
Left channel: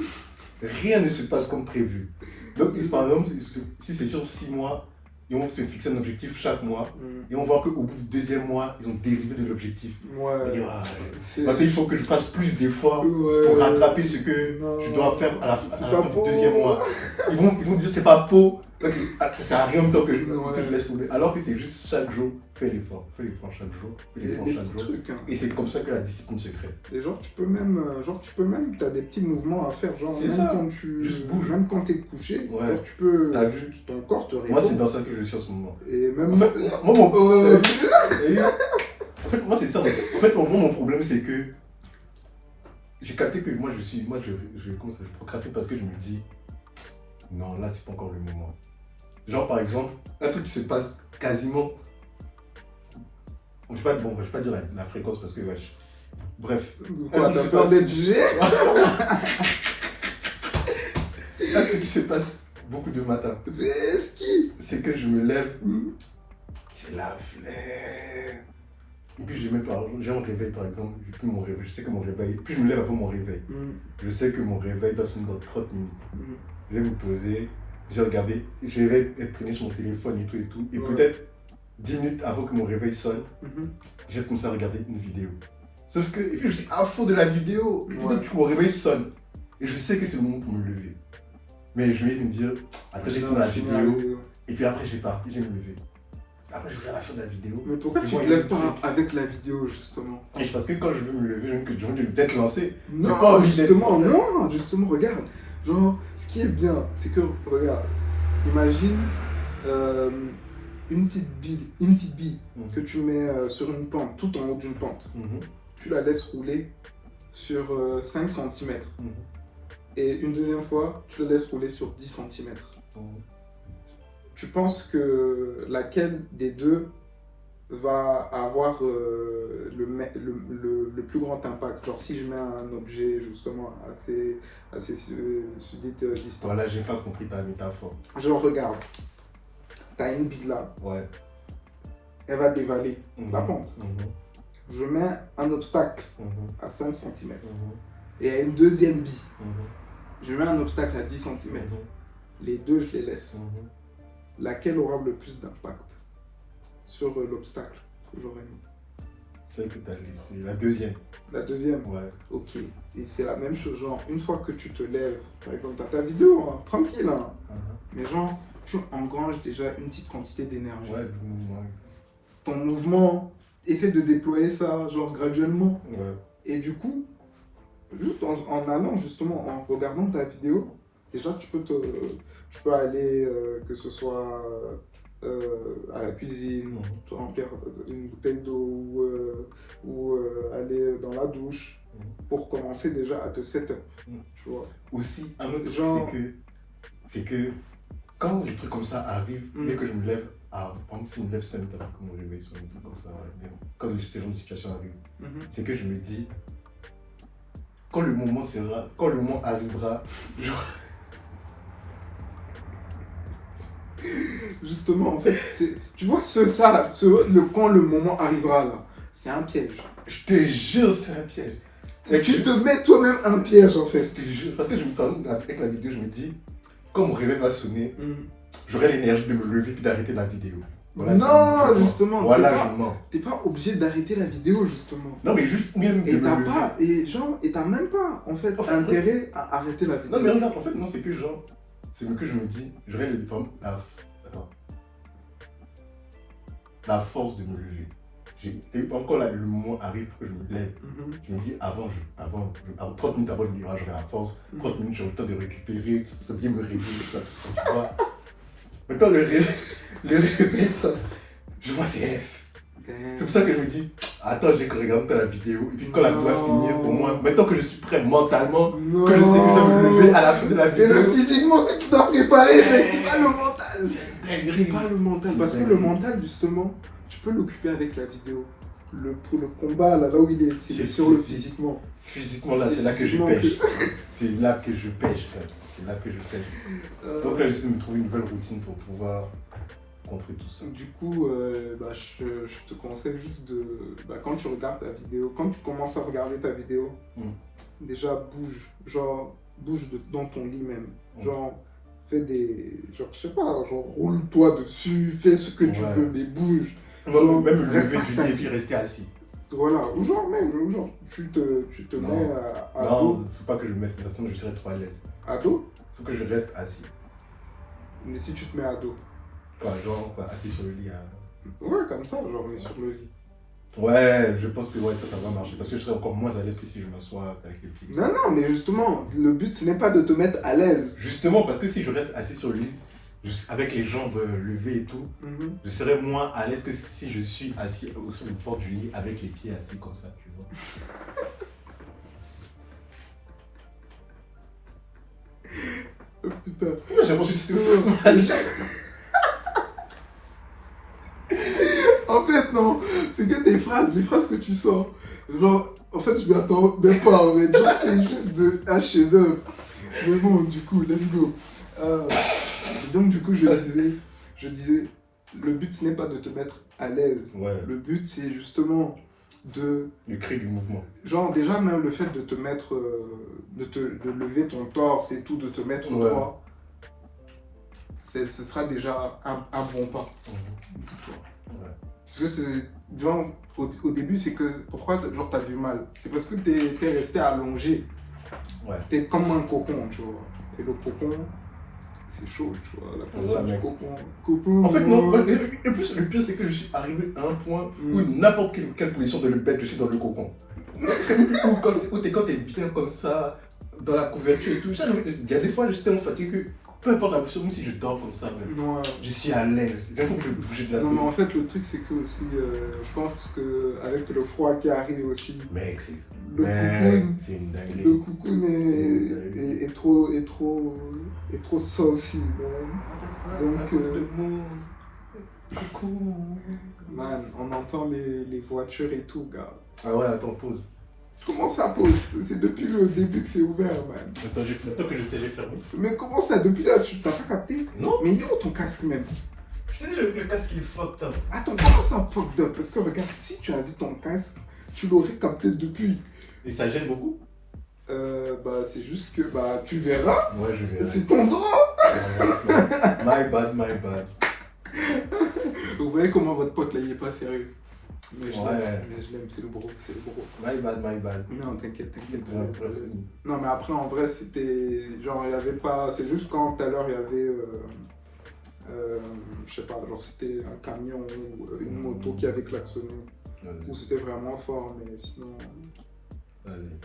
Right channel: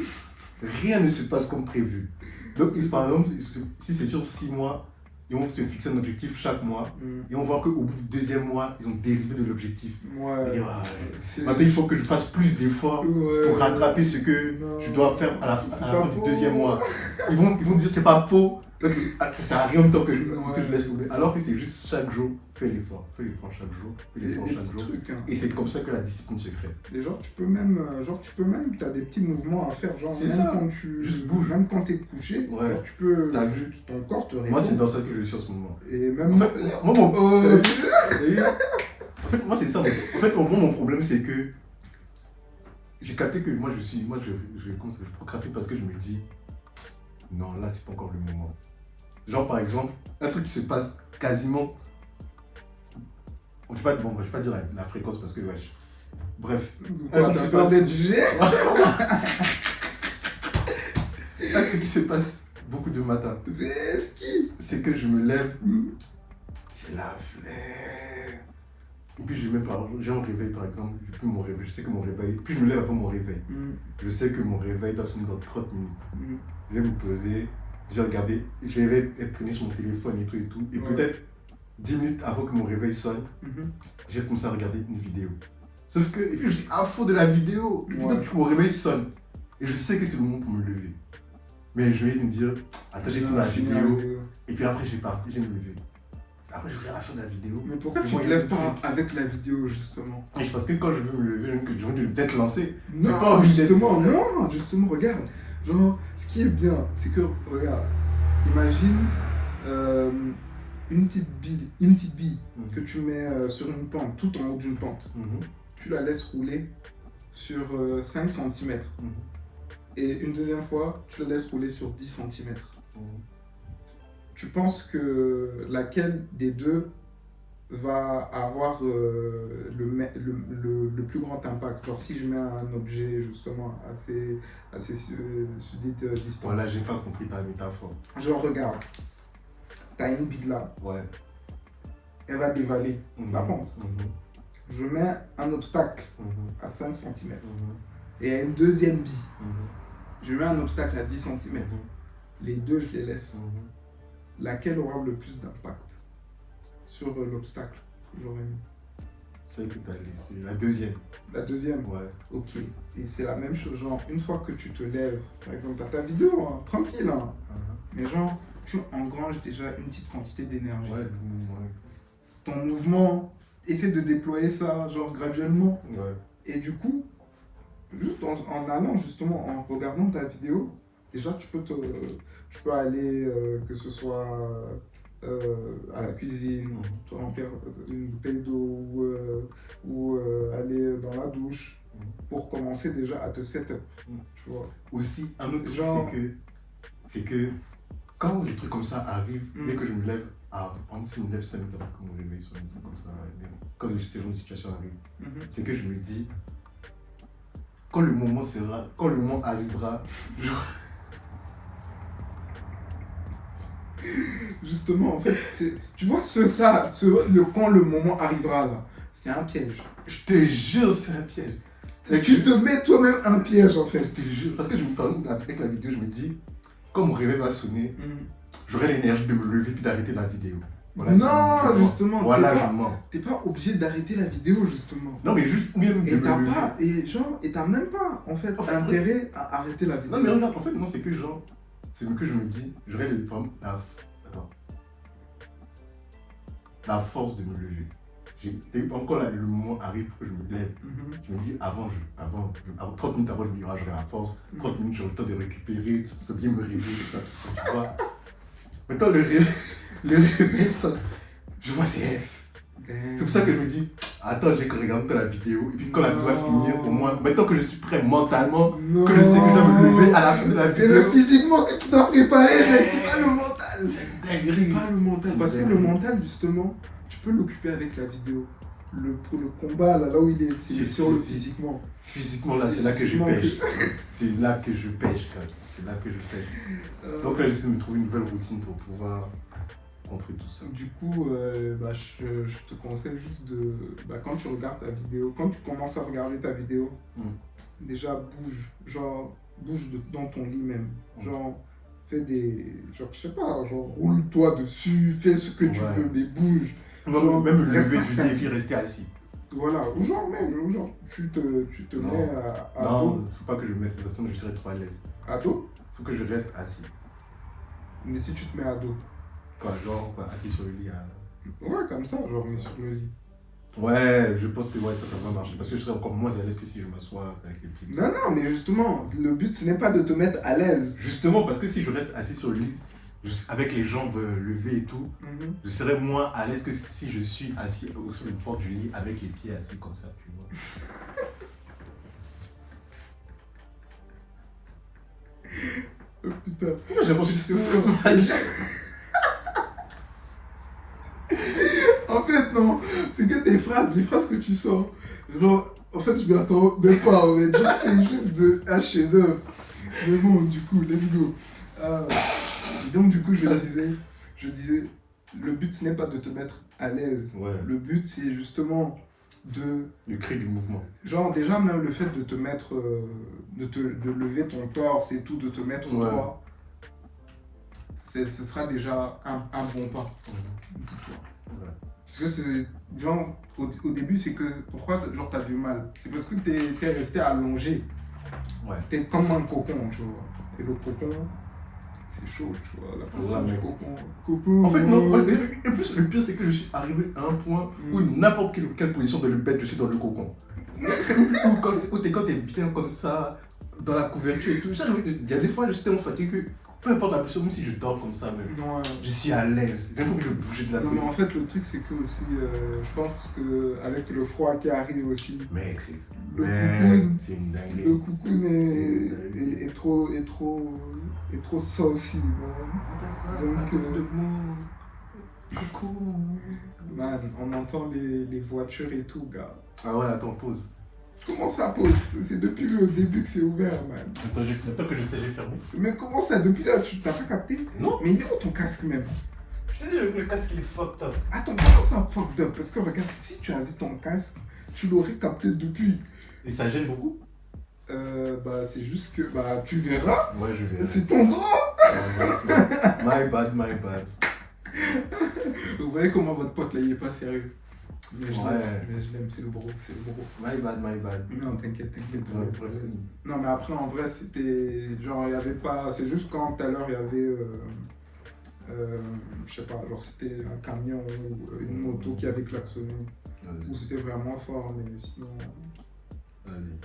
Rien ne se passe comme prévu. Donc, par exemple, si c'est sur 6 mois, ils vont se fixer un objectif chaque mois. Et on voit qu'au bout du 2e mois, ils ont dérivé de l'objectif. Ouais. Et dire, maintenant, il faut que je fasse plus d'efforts pour rattraper ce que je dois faire à la fin du 2e mois. Ils vont dire, c'est pas beau. Donc, ça sert à rien de temps que je laisse tomber. Alors que c'est juste chaque jour, fais l'effort chaque jour, Et c'est comme ça que la discipline se crée. Et genre, tu peux même, tu as des petits mouvements à faire. Genre, même ça. Quand tu juste bouge. Même quand tu es couché, genre, tu peux. T'as vu ton corps te répond. Moi, c'est dans ça que je suis en ce moment. Et même. En fait, moi, c'est ça. En fait, mon problème, c'est que j'ai capté que je procrastine parce que je me dis, non, là, c'est pas encore le moment. Genre, par exemple, un truc qui se passe quasiment... Je vais pas dire la fréquence parce que, wesh. Bref. Un truc qui se passe... d'être jugé. Un truc qui se passe beaucoup de matin. C'est que je me lève, j'ai la flemme. Et puis, j'ai un réveil, par exemple. Depuis mon réveil, je sais que mon réveil... Puis, je me lève avant mon réveil. Je sais que mon réveil doit sonner dans 30 minutes. Je vais me poser, je vais être traîné sur mon téléphone et tout. Et peut-être 10 minutes avant que mon réveil sonne, je vais commencer à regarder une vidéo. Sauf que je suis à fond de la vidéo. Et peut-être que mon réveil sonne. Et je sais que c'est le moment pour me lever. Mais je vais me dire, attends, j'ai fait la vidéo. Et puis après, je vais me lever. Après, je regarde la fin de la vidéo. Mais pourquoi tu ne te lèves pas avec la vidéo, justement? Parce que quand je veux me lever, je veux peut-être lancer. Non, justement, regarde. Genre, ce qui est bien, c'est que, regarde, imagine une petite bille que tu mets sur une pente, tout en haut d'une pente. Tu la laisses rouler sur 5 cm. Et une deuxième fois, tu la laisses rouler sur 10 cm. Tu penses que laquelle des deux va avoir le plus grand impact? Genre, si je mets un objet justement assez dite distance. Voilà, j'ai pas compris ta métaphore. Genre, regarde, t'as une bille là. Ouais. Elle va dévaler la pente. Je mets un obstacle à 5 cm. Et il y a une deuxième bille. Je mets un obstacle à 10 cm. Les deux, je les laisse. Laquelle aura le plus d'impact sur l'obstacle que j'aurais mis? Celle que tu as laissée, la deuxième. La deuxième? Ouais. Ok. Et c'est la même chose, genre, une fois que tu te lèves, par exemple, tu as ta vidéo, hein, tranquille, hein. Mais genre, tu engranges déjà une petite quantité d'énergie. Ouais, du mouvement. Ton mouvement, essaie de déployer ça, genre, graduellement. Ouais. Et du coup, juste en allant, justement, en regardant ta vidéo, déjà, tu peux aller, que ce soit à la cuisine, te remplir une bouteille d'eau ou aller dans la douche. pour commencer déjà à te set up. Tu vois. Aussi, un autre truc, Genre- c'est que quand des trucs comme ça arrivent, dès que je me lève, par exemple, si je me lève 5 minutes avant que mon réveil sonne, un truc comme ça, quand ce genre de situation arrive, c'est que je me dis, quand le moment arrivera, Justement, en fait, tu vois, quand le moment arrivera là, c'est un piège. je te jure, c'est un piège. Et tu te mets toi-même un piège en fait. Je te jure, parce que avec la vidéo, je me dis, quand mon réveil va sonner, j'aurai l'énergie de me lever puis d'arrêter la vidéo. Voilà, Non, justement. Voilà, je mens. T'es pas obligé d'arrêter la vidéo justement. Non, mais juste même de Et me t'as lever. pas, et t'as même pas en fait En fait, intérêt à arrêter la vidéo. Non, mais regarde, en fait, moi, c'est que genre, c'est que je me dis, j'aurais la force de me lever. Encore là, le moment arrive que je me lève. Je me dis, avant 30 minutes avant, je me dis, j'aurai la force. 30 minutes, j'aurai le temps de récupérer, ça bien me réveiller, tout ça, tu vois. Maintenant, le réveil, ça, je vois c'est F. C'est pour ça que je me dis, attends, j'ai que regarder la vidéo. Et puis quand la vidéo va finir, au moins, maintenant que je suis prêt mentalement, que je sais que je dois me lever à la fin de la vidéo. C'est le physiquement que tu dois préparer, mais c'est pas le mental. C'est pas le mental. Parce que le mental, justement, tu peux l'occuper avec la vidéo. Pour le combat, là où il est, c'est sur le physiquement. Physiquement, là, c'est là que je pêche. C'est là que je pêche, quand même. C'est là que je pêche. Donc là, j'essaie de me trouver une nouvelle routine pour pouvoir contrer tout ça. Du coup, je te conseille juste de... quand tu regardes ta vidéo, quand tu commences à regarder ta vidéo, déjà bouge. Genre, dans ton lit même. Genre, fais des... Genre, je sais pas, genre, roule-toi dessus, fais ce que tu veux, mais bouge. Même me lever du lit et puis rester assis. Voilà, ou genre, tu te mets à dos. Non, faut pas que je me mette, de toute façon, je serais trop à l'aise. À dos? Faut que je reste assis. Mais si tu te mets à dos? Quoi, genre, assis sur le lit. Ouais, comme ça, genre, mais sur le lit. Ouais, je pense que ça va marcher. Parce que je serais encore moins à l'aise que si je m'assois avec les pieds. Non, mais justement, le but, ce n'est pas de te mettre à l'aise. Justement, parce que si je reste assis sur le lit, avec les jambes levées et tout, je serais moins à l'aise que si je suis assis sur le bord du lit avec les pieds assis comme ça, tu vois. Oh, putain. J'ai l'impression que c'est mal. En fait, non, c'est que les phrases que tu sors, genre, en fait, je m'attends même pas, mais genre, c'est juste de un chef-d'œuvre. Mais bon, du coup, let's go. Donc, du coup, je disais, le but, ce n'est pas de te mettre à l'aise. Ouais. Le but, c'est justement le cri du mouvement. Genre, déjà, même le fait de te mettre, de lever ton torse et tout, de te mettre droit, ce sera déjà un bon pas. Dis-toi. Ouais. Parce que c'est, genre, au début, c'est que, pourquoi genre, t'as du mal? C'est parce que t'es resté allongé. Ouais. T'es comme un cocon, tu vois. Et le cocon, c'est chaud, tu vois. La position du cocon. En fait, non. Et plus, le pire, c'est que je suis arrivé à un point où n'importe quelle position de le bête, je suis dans le cocon. C'est où quand t'es bien comme ça, dans la couverture et tout. Il y a des fois, j'étais tellement fatigué que peu importe la position, même si je dors comme ça, même, je suis à l'aise. J'ai envie de bouger de la tête. Non, mais en fait, le truc, c'est que aussi, je pense qu'avec le froid qui arrive aussi, mec, c'est une dinguerie. Le cocoon est trop saucy, man. Donc, man, on entend les voitures et tout, gars. Ah ouais, attends, pause. Comment ça pose? C'est depuis le début que c'est ouvert, man. Attends que j'essaie de fermer. Mais comment ça? Depuis là, tu t'as pas capté? Non. Mais il est où ton casque même? Je t'ai dit, le casque il est fucked up. Attends, comment ça fucked up? Parce que regarde, si tu avais ton casque, tu l'aurais capté depuis. Et ça gêne beaucoup? C'est juste que, tu verras. Ouais, je verrai. C'est ton droit. My bad. Vous voyez comment votre pote là, il est pas sérieux. Mais je Ouais. l'aime, c'est le bro. My bad. Non, t'inquiète. Ouais, non, mais après, en vrai, c'était. Genre, il y avait pas. C'est juste quand tout à l'heure, il y avait. Je sais pas, genre, c'était un camion ou une moto qui avait klaxonné. Ou c'était vraiment fort, mais sinon. Vas-y.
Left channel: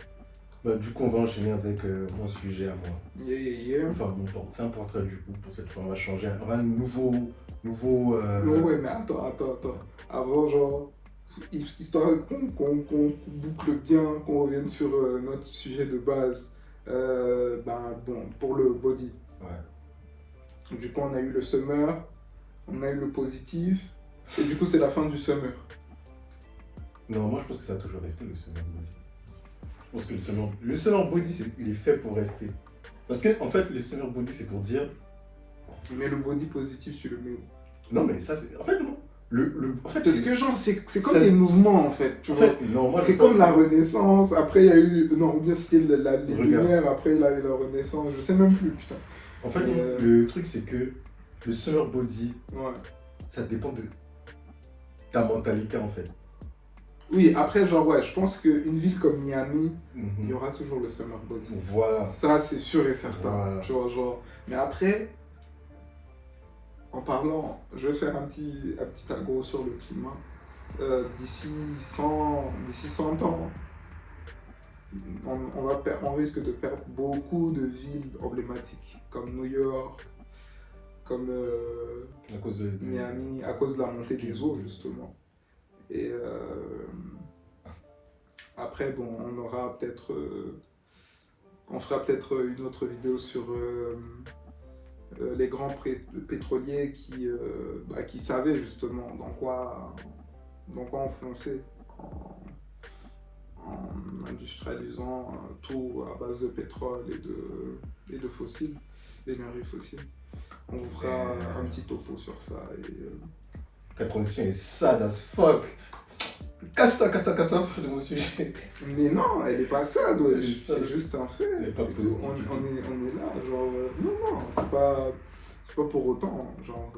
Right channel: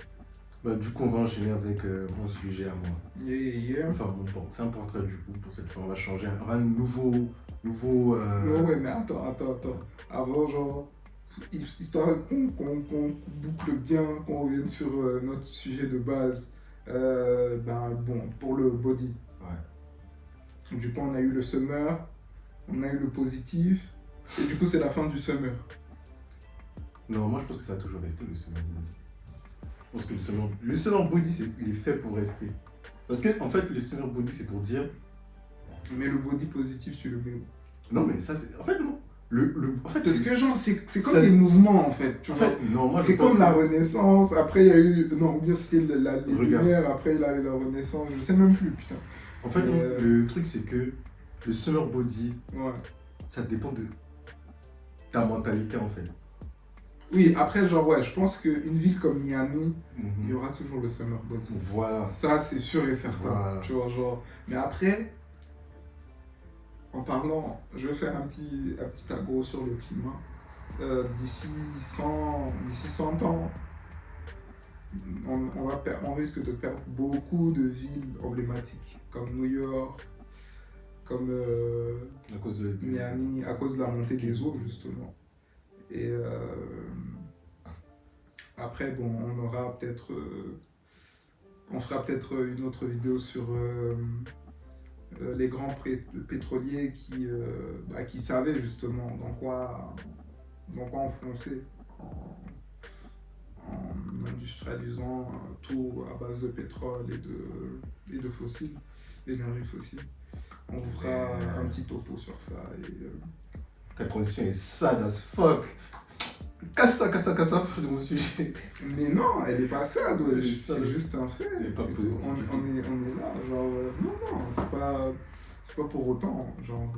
Du coup, on va enchaîner avec mon sujet à moi. Yeah. Enfin, c'est un portrait du coup. Pour cette fois, on va changer. On va un nouveau. Non, ouais, mais attends. Avant, genre. histoire qu'on boucle bien, qu'on revienne sur notre sujet de base. Bon, pour le body. Ouais. Du coup, on a eu le summer, on a eu le positif, et du coup, c'est la fin du summer. Non, moi je pense que ça a toujours resté le summer body. Je pense que le summer body, il est fait pour rester. Parce que en fait, le summer body, c'est pour dire. Mais le body positif, tu le mets où? Non, mais ça, c'est. En fait, non. En fait, Parce que genre, c'est comme ça... des mouvements en fait. Tu en vois. fait, non, moi, c'est comme la Renaissance, après il y a eu. Non, ou bien c'était les Lumières, après il y a eu la Renaissance, je sais même plus, putain. En fait, le truc, c'est que le summer body, ouais. Ça dépend de ta mentalité en fait. Oui, après, genre, ouais, je pense qu'une ville comme Miami, il y aura toujours le summer body. Voilà. Ça, c'est sûr et certain. Voilà. Tu vois, genre. Mais après, en parlant, je vais faire un petit agro sur le climat. D'ici 100 ans, on risque de perdre beaucoup de villes emblématiques, comme New York, comme à cause de Miami, à cause de la montée des eaux, justement. Et après, bon, on fera peut-être une autre vidéo sur les grands pétroliers qui savaient justement dans quoi enfoncer en industrialisant tout à base de pétrole et de fossiles, d'énergie fossile. On vous fera un petit topo sur ça. Ta transition est sad as fuck. Casse-toi de mon sujet. Mais non, elle est pas sad, ouais. C'est juste un fait. Elle est pas positive. On est là, genre. Non, c'est pas pour autant. Genre,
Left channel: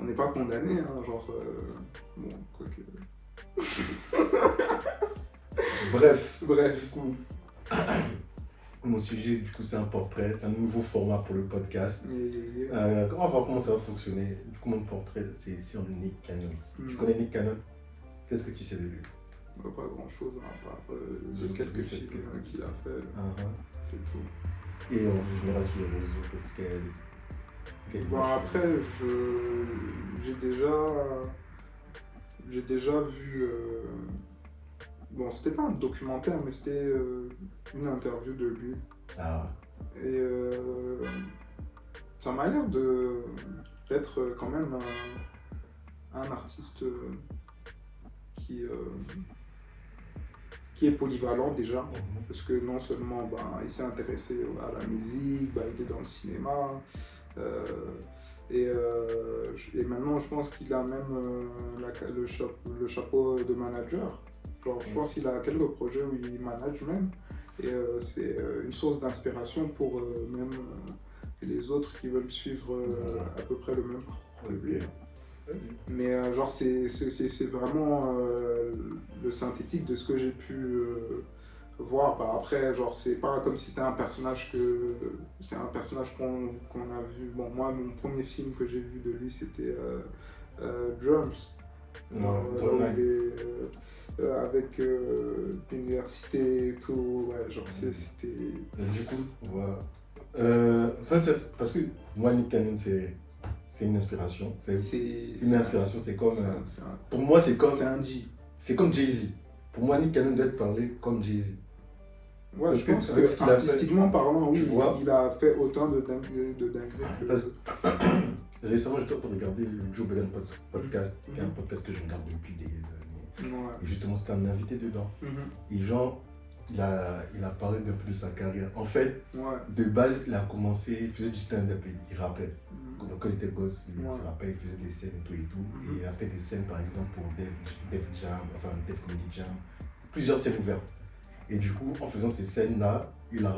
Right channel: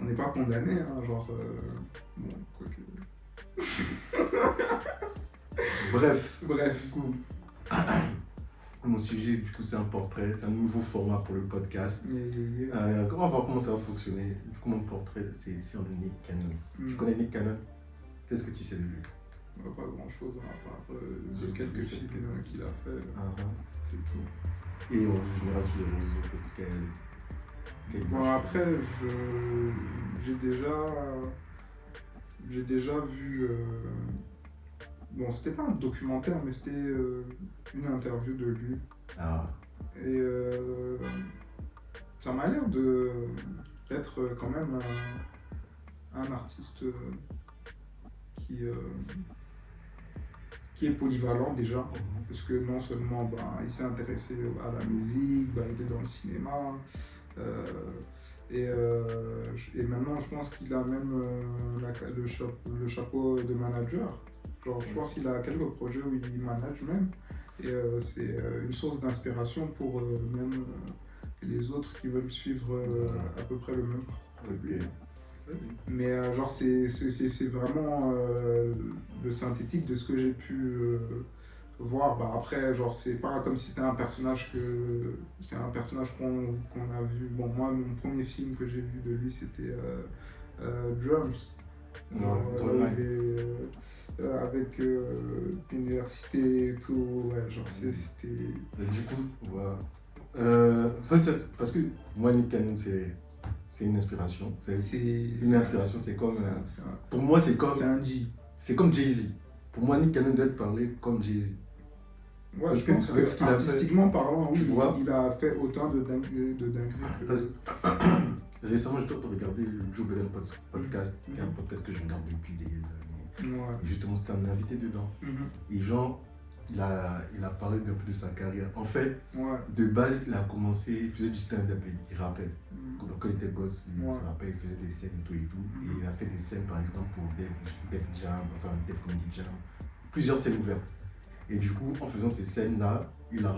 on n'est pas condamné, hein, genre. Bon, quoi que. Bref. Bref. Mon sujet, du coup, c'est un portrait. C'est un nouveau format pour le podcast. On va voir comment ça va fonctionner. Du coup, mon portrait, c'est sur le Nick Cannon. Tu connais Nick Cannon? Qu'est-ce que tu sais de lui? Pas grand chose, à part quelques films qu'il a fait. C'est tout. Et en général, sur les réseaux, qu'est-ce qu'elle. Bon, après, j'ai déjà vu. Bon, c'était pas un documentaire, mais c'était une interview de lui. Et ça m'a l'air d'être quand même un artiste qui est polyvalent déjà, parce que non seulement il s'est intéressé à la musique, il est dans le cinéma, et maintenant je pense qu'il a même le chapeau de manager. Genre, je pense qu'il a quelques projets où il manage même, et c'est une source d'inspiration pour même les autres qui veulent suivre à peu près le même parcours que lui. Mais genre c'est vraiment le synthétique de ce que j'ai pu voir. Après, genre c'est pas comme si c'était un personnage qu'on a vu. Bon, moi mon premier film que j'ai vu de lui c'était Drums. Avec l'université et tout, ouais, genre c'était. Du coup, voilà. En fait, parce que moi Nick Cannon c'est une inspiration. C'est une inspiration. C'est comme. Pour moi, c'est comme. C'est un G. C'est comme Jay-Z. Pour moi, Nick Cannon doit être parlé comme Jay-Z. Ouais, parce je pense avec ce qu'il artistiquement parlant, oui, il a fait autant de dingueries. Récemment, j'étais en train de regarder le Joe Budden podcast, qui est un podcast que je regarde depuis des années. Ouais. Et justement, c'était un invité dedans. Et genre, il a parlé d'un peu de sa carrière. En fait, de base, il a commencé, il faisait du stand-up, il rappait. Donc, quand il était gosse, il rappait, il faisait des scènes et tout. Et il a fait des scènes, par exemple, pour Def Jam, enfin Def Comedy Jam, plusieurs scènes ouvertes. Et du coup, en faisant ces scènes-là, il a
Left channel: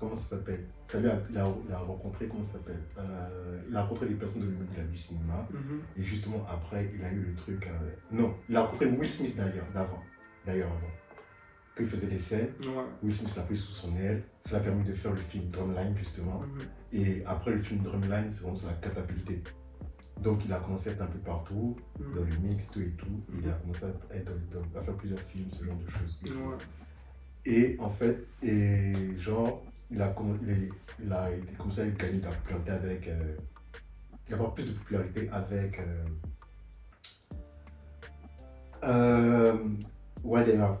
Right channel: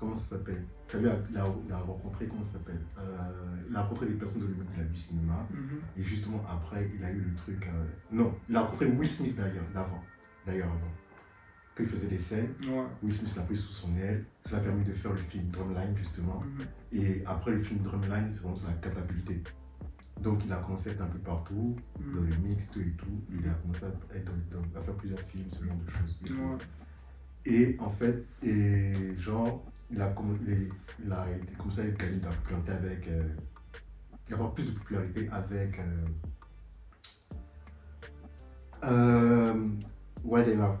comment ça s'appelle? Il a rencontré, comment ça s'appelle? Il a rencontré des personnes du cinéma. Et justement, après, il a eu le truc. Non, il a rencontré Will Smith d'ailleurs avant. Quand il faisait des scènes, Will Smith l'a pris sous son aile. Cela a permis de faire le film Drumline, justement. Et après le film Drumline, c'est vraiment sur la catapulté. Donc, il a commencé à être un peu partout, dans le mix, tout et tout. Il a commencé à faire plusieurs films, ce genre de choses. Et en fait, genre, il a commencé à gagner de la popularité avoir plus de popularité avec Wild and Out.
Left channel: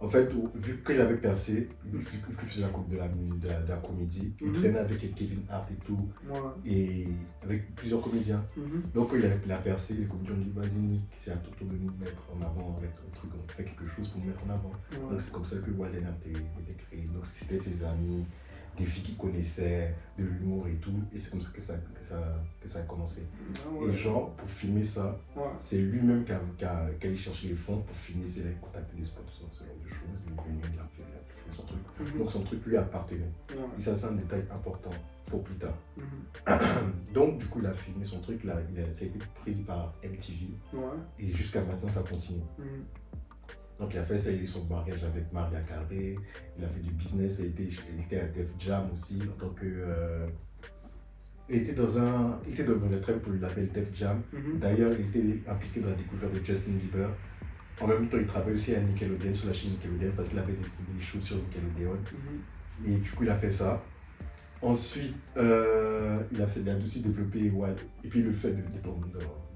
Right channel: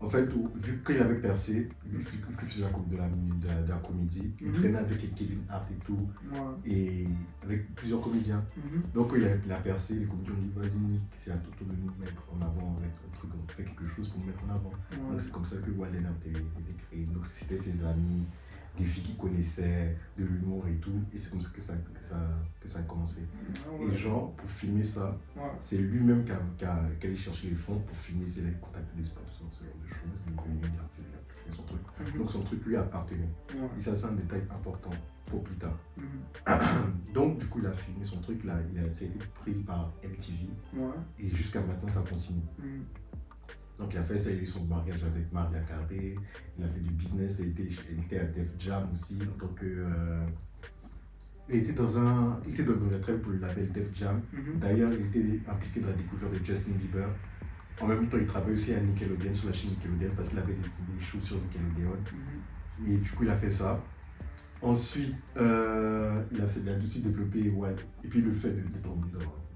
En fait, vu qu'il avait percé, vu qu'il faisait la coupe de la comédie, il traînait avec Kevin Hart et tout, et avec plusieurs comédiens. Donc, quand il a percé, les comédiens ont dit vas-y, Nick, c'est à ton tour de nous mettre en avant avec un truc, on fait quelque chose pour nous mettre en avant. Donc, c'est comme ça que Wild and Out a été créé. Donc, c'était ses amis, des filles qu'il connaissait, de l'humour et tout, et c'est comme ça que ça a commencé. Et genre, pour filmer ça, c'est lui-même qui a allé chercher les fonds pour filmer, c'est là qu'il contactait des sponsors, ce genre de choses, il est venu, il a fait son truc. Donc son truc lui appartenait. Et ça, c'est un détail important pour plus tard. Donc du coup, il a filmé son truc, ça a été pris par MTV, et jusqu'à maintenant, ça continue. Donc il a fait ça, il a eu son mariage avec Maria Carey, il a fait du business, il était à Def Jam aussi, en tant que... il était dans le travail pour le label Def Jam. D'ailleurs, il était impliqué dans la découverte de Justin Bieber. En même temps, il travaillait aussi à Nickelodeon, sur la chaîne Nickelodeon, parce qu'il avait des shows sur Nickelodeon. Et du coup, il a fait ça. Ensuite, il a aussi développé Wild. Et puis le fait d'être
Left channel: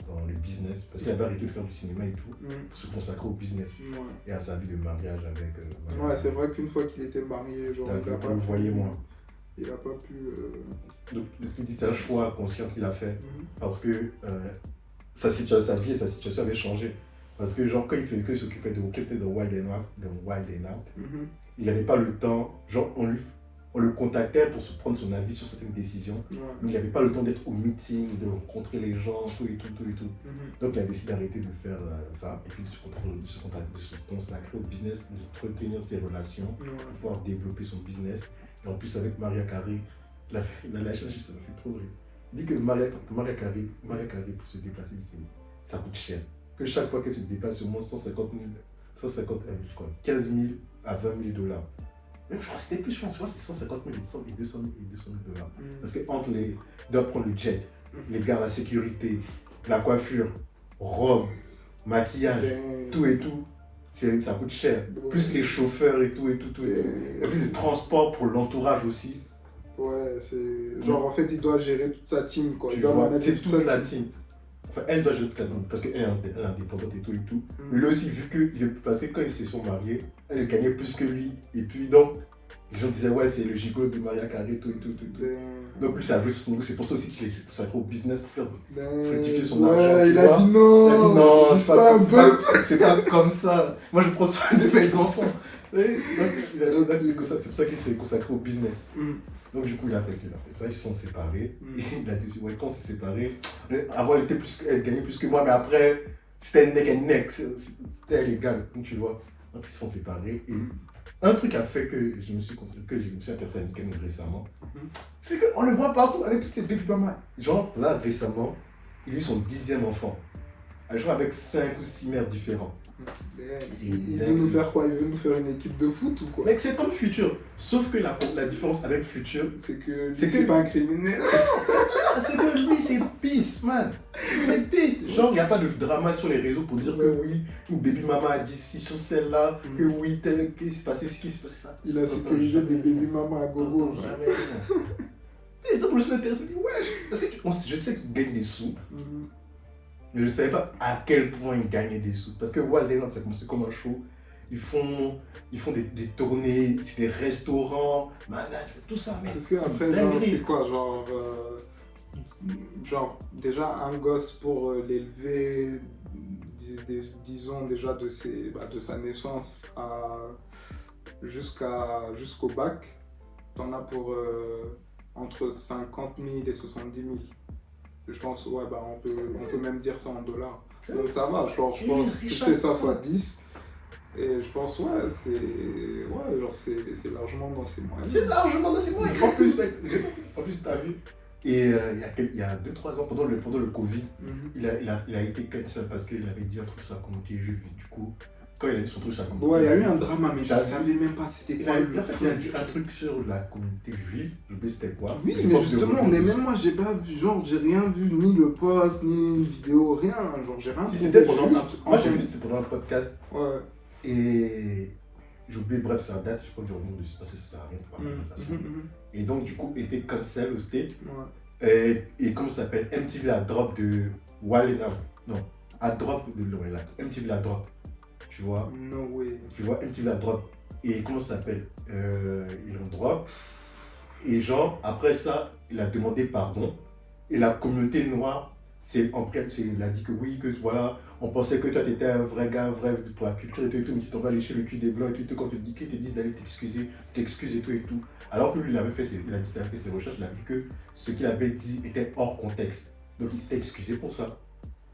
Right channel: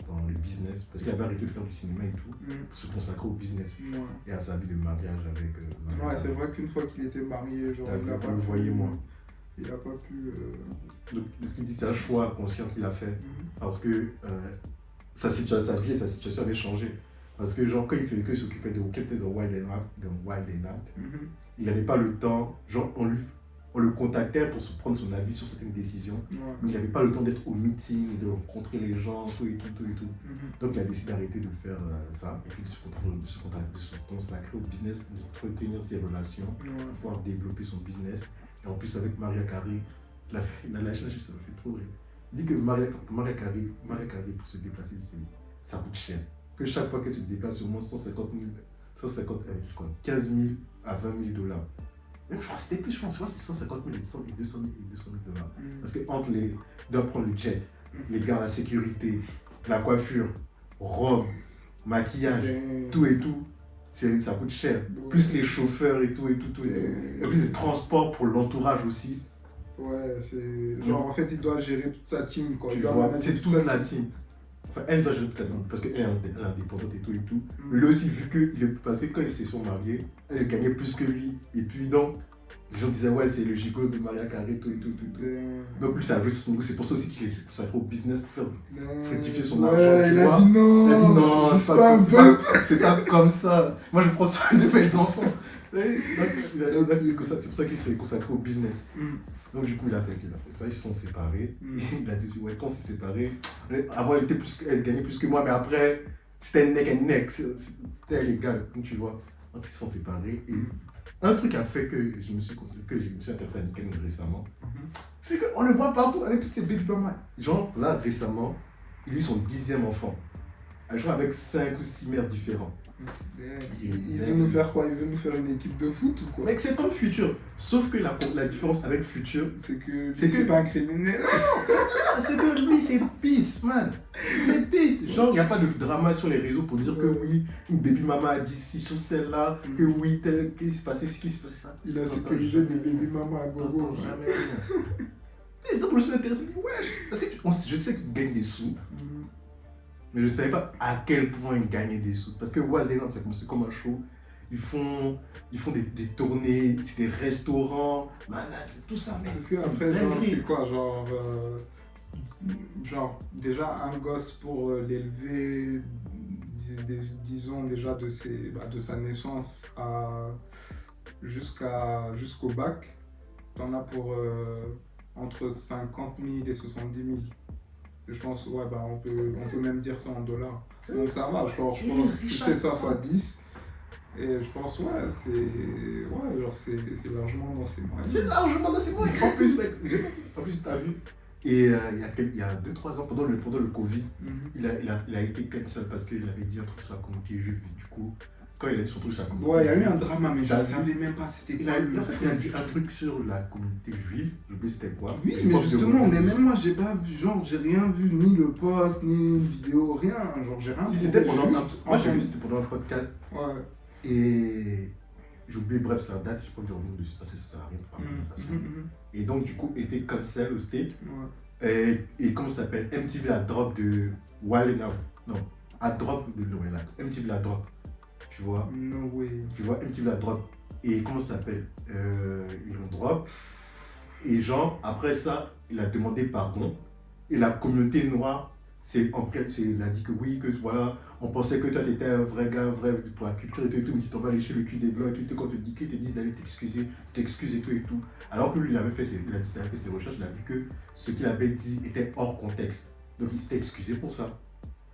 dans le business, parce qu'il avait arrêté de faire du cinéma et tout, pour se consacrer au business et à sa vie de mariage avec... c'est vrai qu'une fois qu'il était marié, genre... Voyez-moi. Il n'a pas pu... Donc, ce qu'il dit, c'est un choix conscient qu'il a fait, parce que sa vie et sa situation avaient changé. Parce que genre, quand il s'occupait de Wild and Out, il n'avait pas le temps, genre on le contactait pour prendre son avis sur certaines décisions, mais il n'avait pas le temps d'être au meeting, de rencontrer les gens, tout et tout. Donc il a décidé d'arrêter de faire ça, et puis de se consacrer au business, d'entretenir ses relations, de pouvoir développer son business. Et en plus avec Maria Carey, la chaîne, ça m'a fait trop rire. Il dit que Maria Carey, pour se déplacer, ça coûte cher. Que chaque fois qu'elle se déplace, au moins 15 000 à 20 000 dollars. Même je crois que c'était plus, je crois que c'est 150 000 et 200 000 dollars. Parce qu'entre il doit prendre le jet, les gars, la sécurité, la coiffure, robe, maquillage, tout et tout, ça coûte cher. Plus les chauffeurs et tout. Et puis le transport pour l'entourage aussi. Ouais, c'est... Genre en fait, il doit gérer toute sa team, quoi. Tu vois, c'est toute la team. Enfin, elle doit gérer toute la team, parce qu'elle est indépendante et tout. Mais lui aussi, parce que quand ils se sont mariés, elle gagnait plus que lui. Et puis donc, les gens disaient, ouais, c'est le gigolo de Maria Carey, tout. Donc lui, ça a joué sur son niveau. C'est pour ça aussi qu'il s'est consacré au business pour faire fructifier son argent. Il a dit non, c'est pas comme ça. Moi, je prends soin de mes enfants. C'est pour ça qu'il s'est consacré au business. Donc du coup, il a fait ça, ils se sont séparés. Il a dit aussi, ouais, quand on s'est séparés, avant elle gagnait plus que moi, mais après, c'était neck and neck, c'était illégal, comme tu vois. Donc ils se sont séparés. Et un truc a fait que je me suis intéressé à Nickel récemment, c'est qu'on le voit partout avec toutes ces baby mamas. Genre là, récemment, il a eu son 10e enfant. Genre avec 5 ou 6 mères différents. Il veut nous faire quoi? Il veut nous faire une équipe de foot ou quoi? Mec, c'est comme Futur. Sauf que la différence avec Futur, c'est que c'est pas un criminel. C'est que lui, c'est peace, man. C'est peace. Genre, il n'y a pas de drama sur les réseaux pour dire que oui, une baby mama a dit ci sur celle-là, que oui, qu'est-ce qui s'est passé ci, qu'est-ce qui s'est passé ça. Il a sécurisé les baby mamas à gogo. Jamais rien. Et donc, je me suis intéressé, je me dis, ouais, parce que je sais qu'il gagne des sous. Mais je ne savais pas à quel point ils gagnaient des sous. Parce que Wild and Out, c'est comme un show. Ils font des tournées, c'est des restaurants, malade, tout ça. Mais parce que après, genre, c'est quoi? Genre, déjà, un gosse pour l'élever, disons déjà de sa naissance jusqu'au bac, t'en as pour entre 50 000 et 70 000. Je pense, ouais, bah on peut même dire ça en dollars. Donc ça va, je pense que tu fais ça x 10. Et je pense, ouais, c'est largement dans ces moyens. C'est largement dans ces moyens. En plus, mec, t'as vu. Et il y a 2-3 ans, pendant le Covid, il a été cancel parce qu'il avait dit un truc sur la communauté juive. Du coup, quand il a dit son truc sur la communauté juive. Ouais, il y a eu un drama, mais je ne savais même pas c'était quoi. En fait, il a dit un truc sur la communauté juive. Je sais c'était quoi. Oui, mais justement, mais même moi, j'ai pas vu, genre, j'ai rien vu, ni le post, ni une vidéo, rien. Genre, j'ai rien vu. Si c'était pendant moi, j'ai vu c'était pendant un podcast. Ouais. Et j'ai oublié, bref, ça date, je peux pas revenir dessus parce que ça sert à rien de parler de ça. Et donc, du coup, il était cancel au steak. Et comment ça s'appelle? MTV a drop de Wild and Out. Non, à drop, MTV la drop, tu vois. No way. Tu vois, MTV la drop. Et comment ça s'appelle ils l'ont drop. Et genre, après ça, il a demandé pardon. Et la communauté noire, il a dit que oui, que voilà, on pensait que toi, tu étais un vrai gars, vrai pour la culture et tout, mais tu t'en vas lécher le cul des blancs et tout, quand ils te disent d'aller t'excuser, t'excuses et tout et tout. Alors que lui, il avait fait ses recherches, il a vu que ce qu'il avait dit était hors contexte. Donc il s'était excusé pour ça.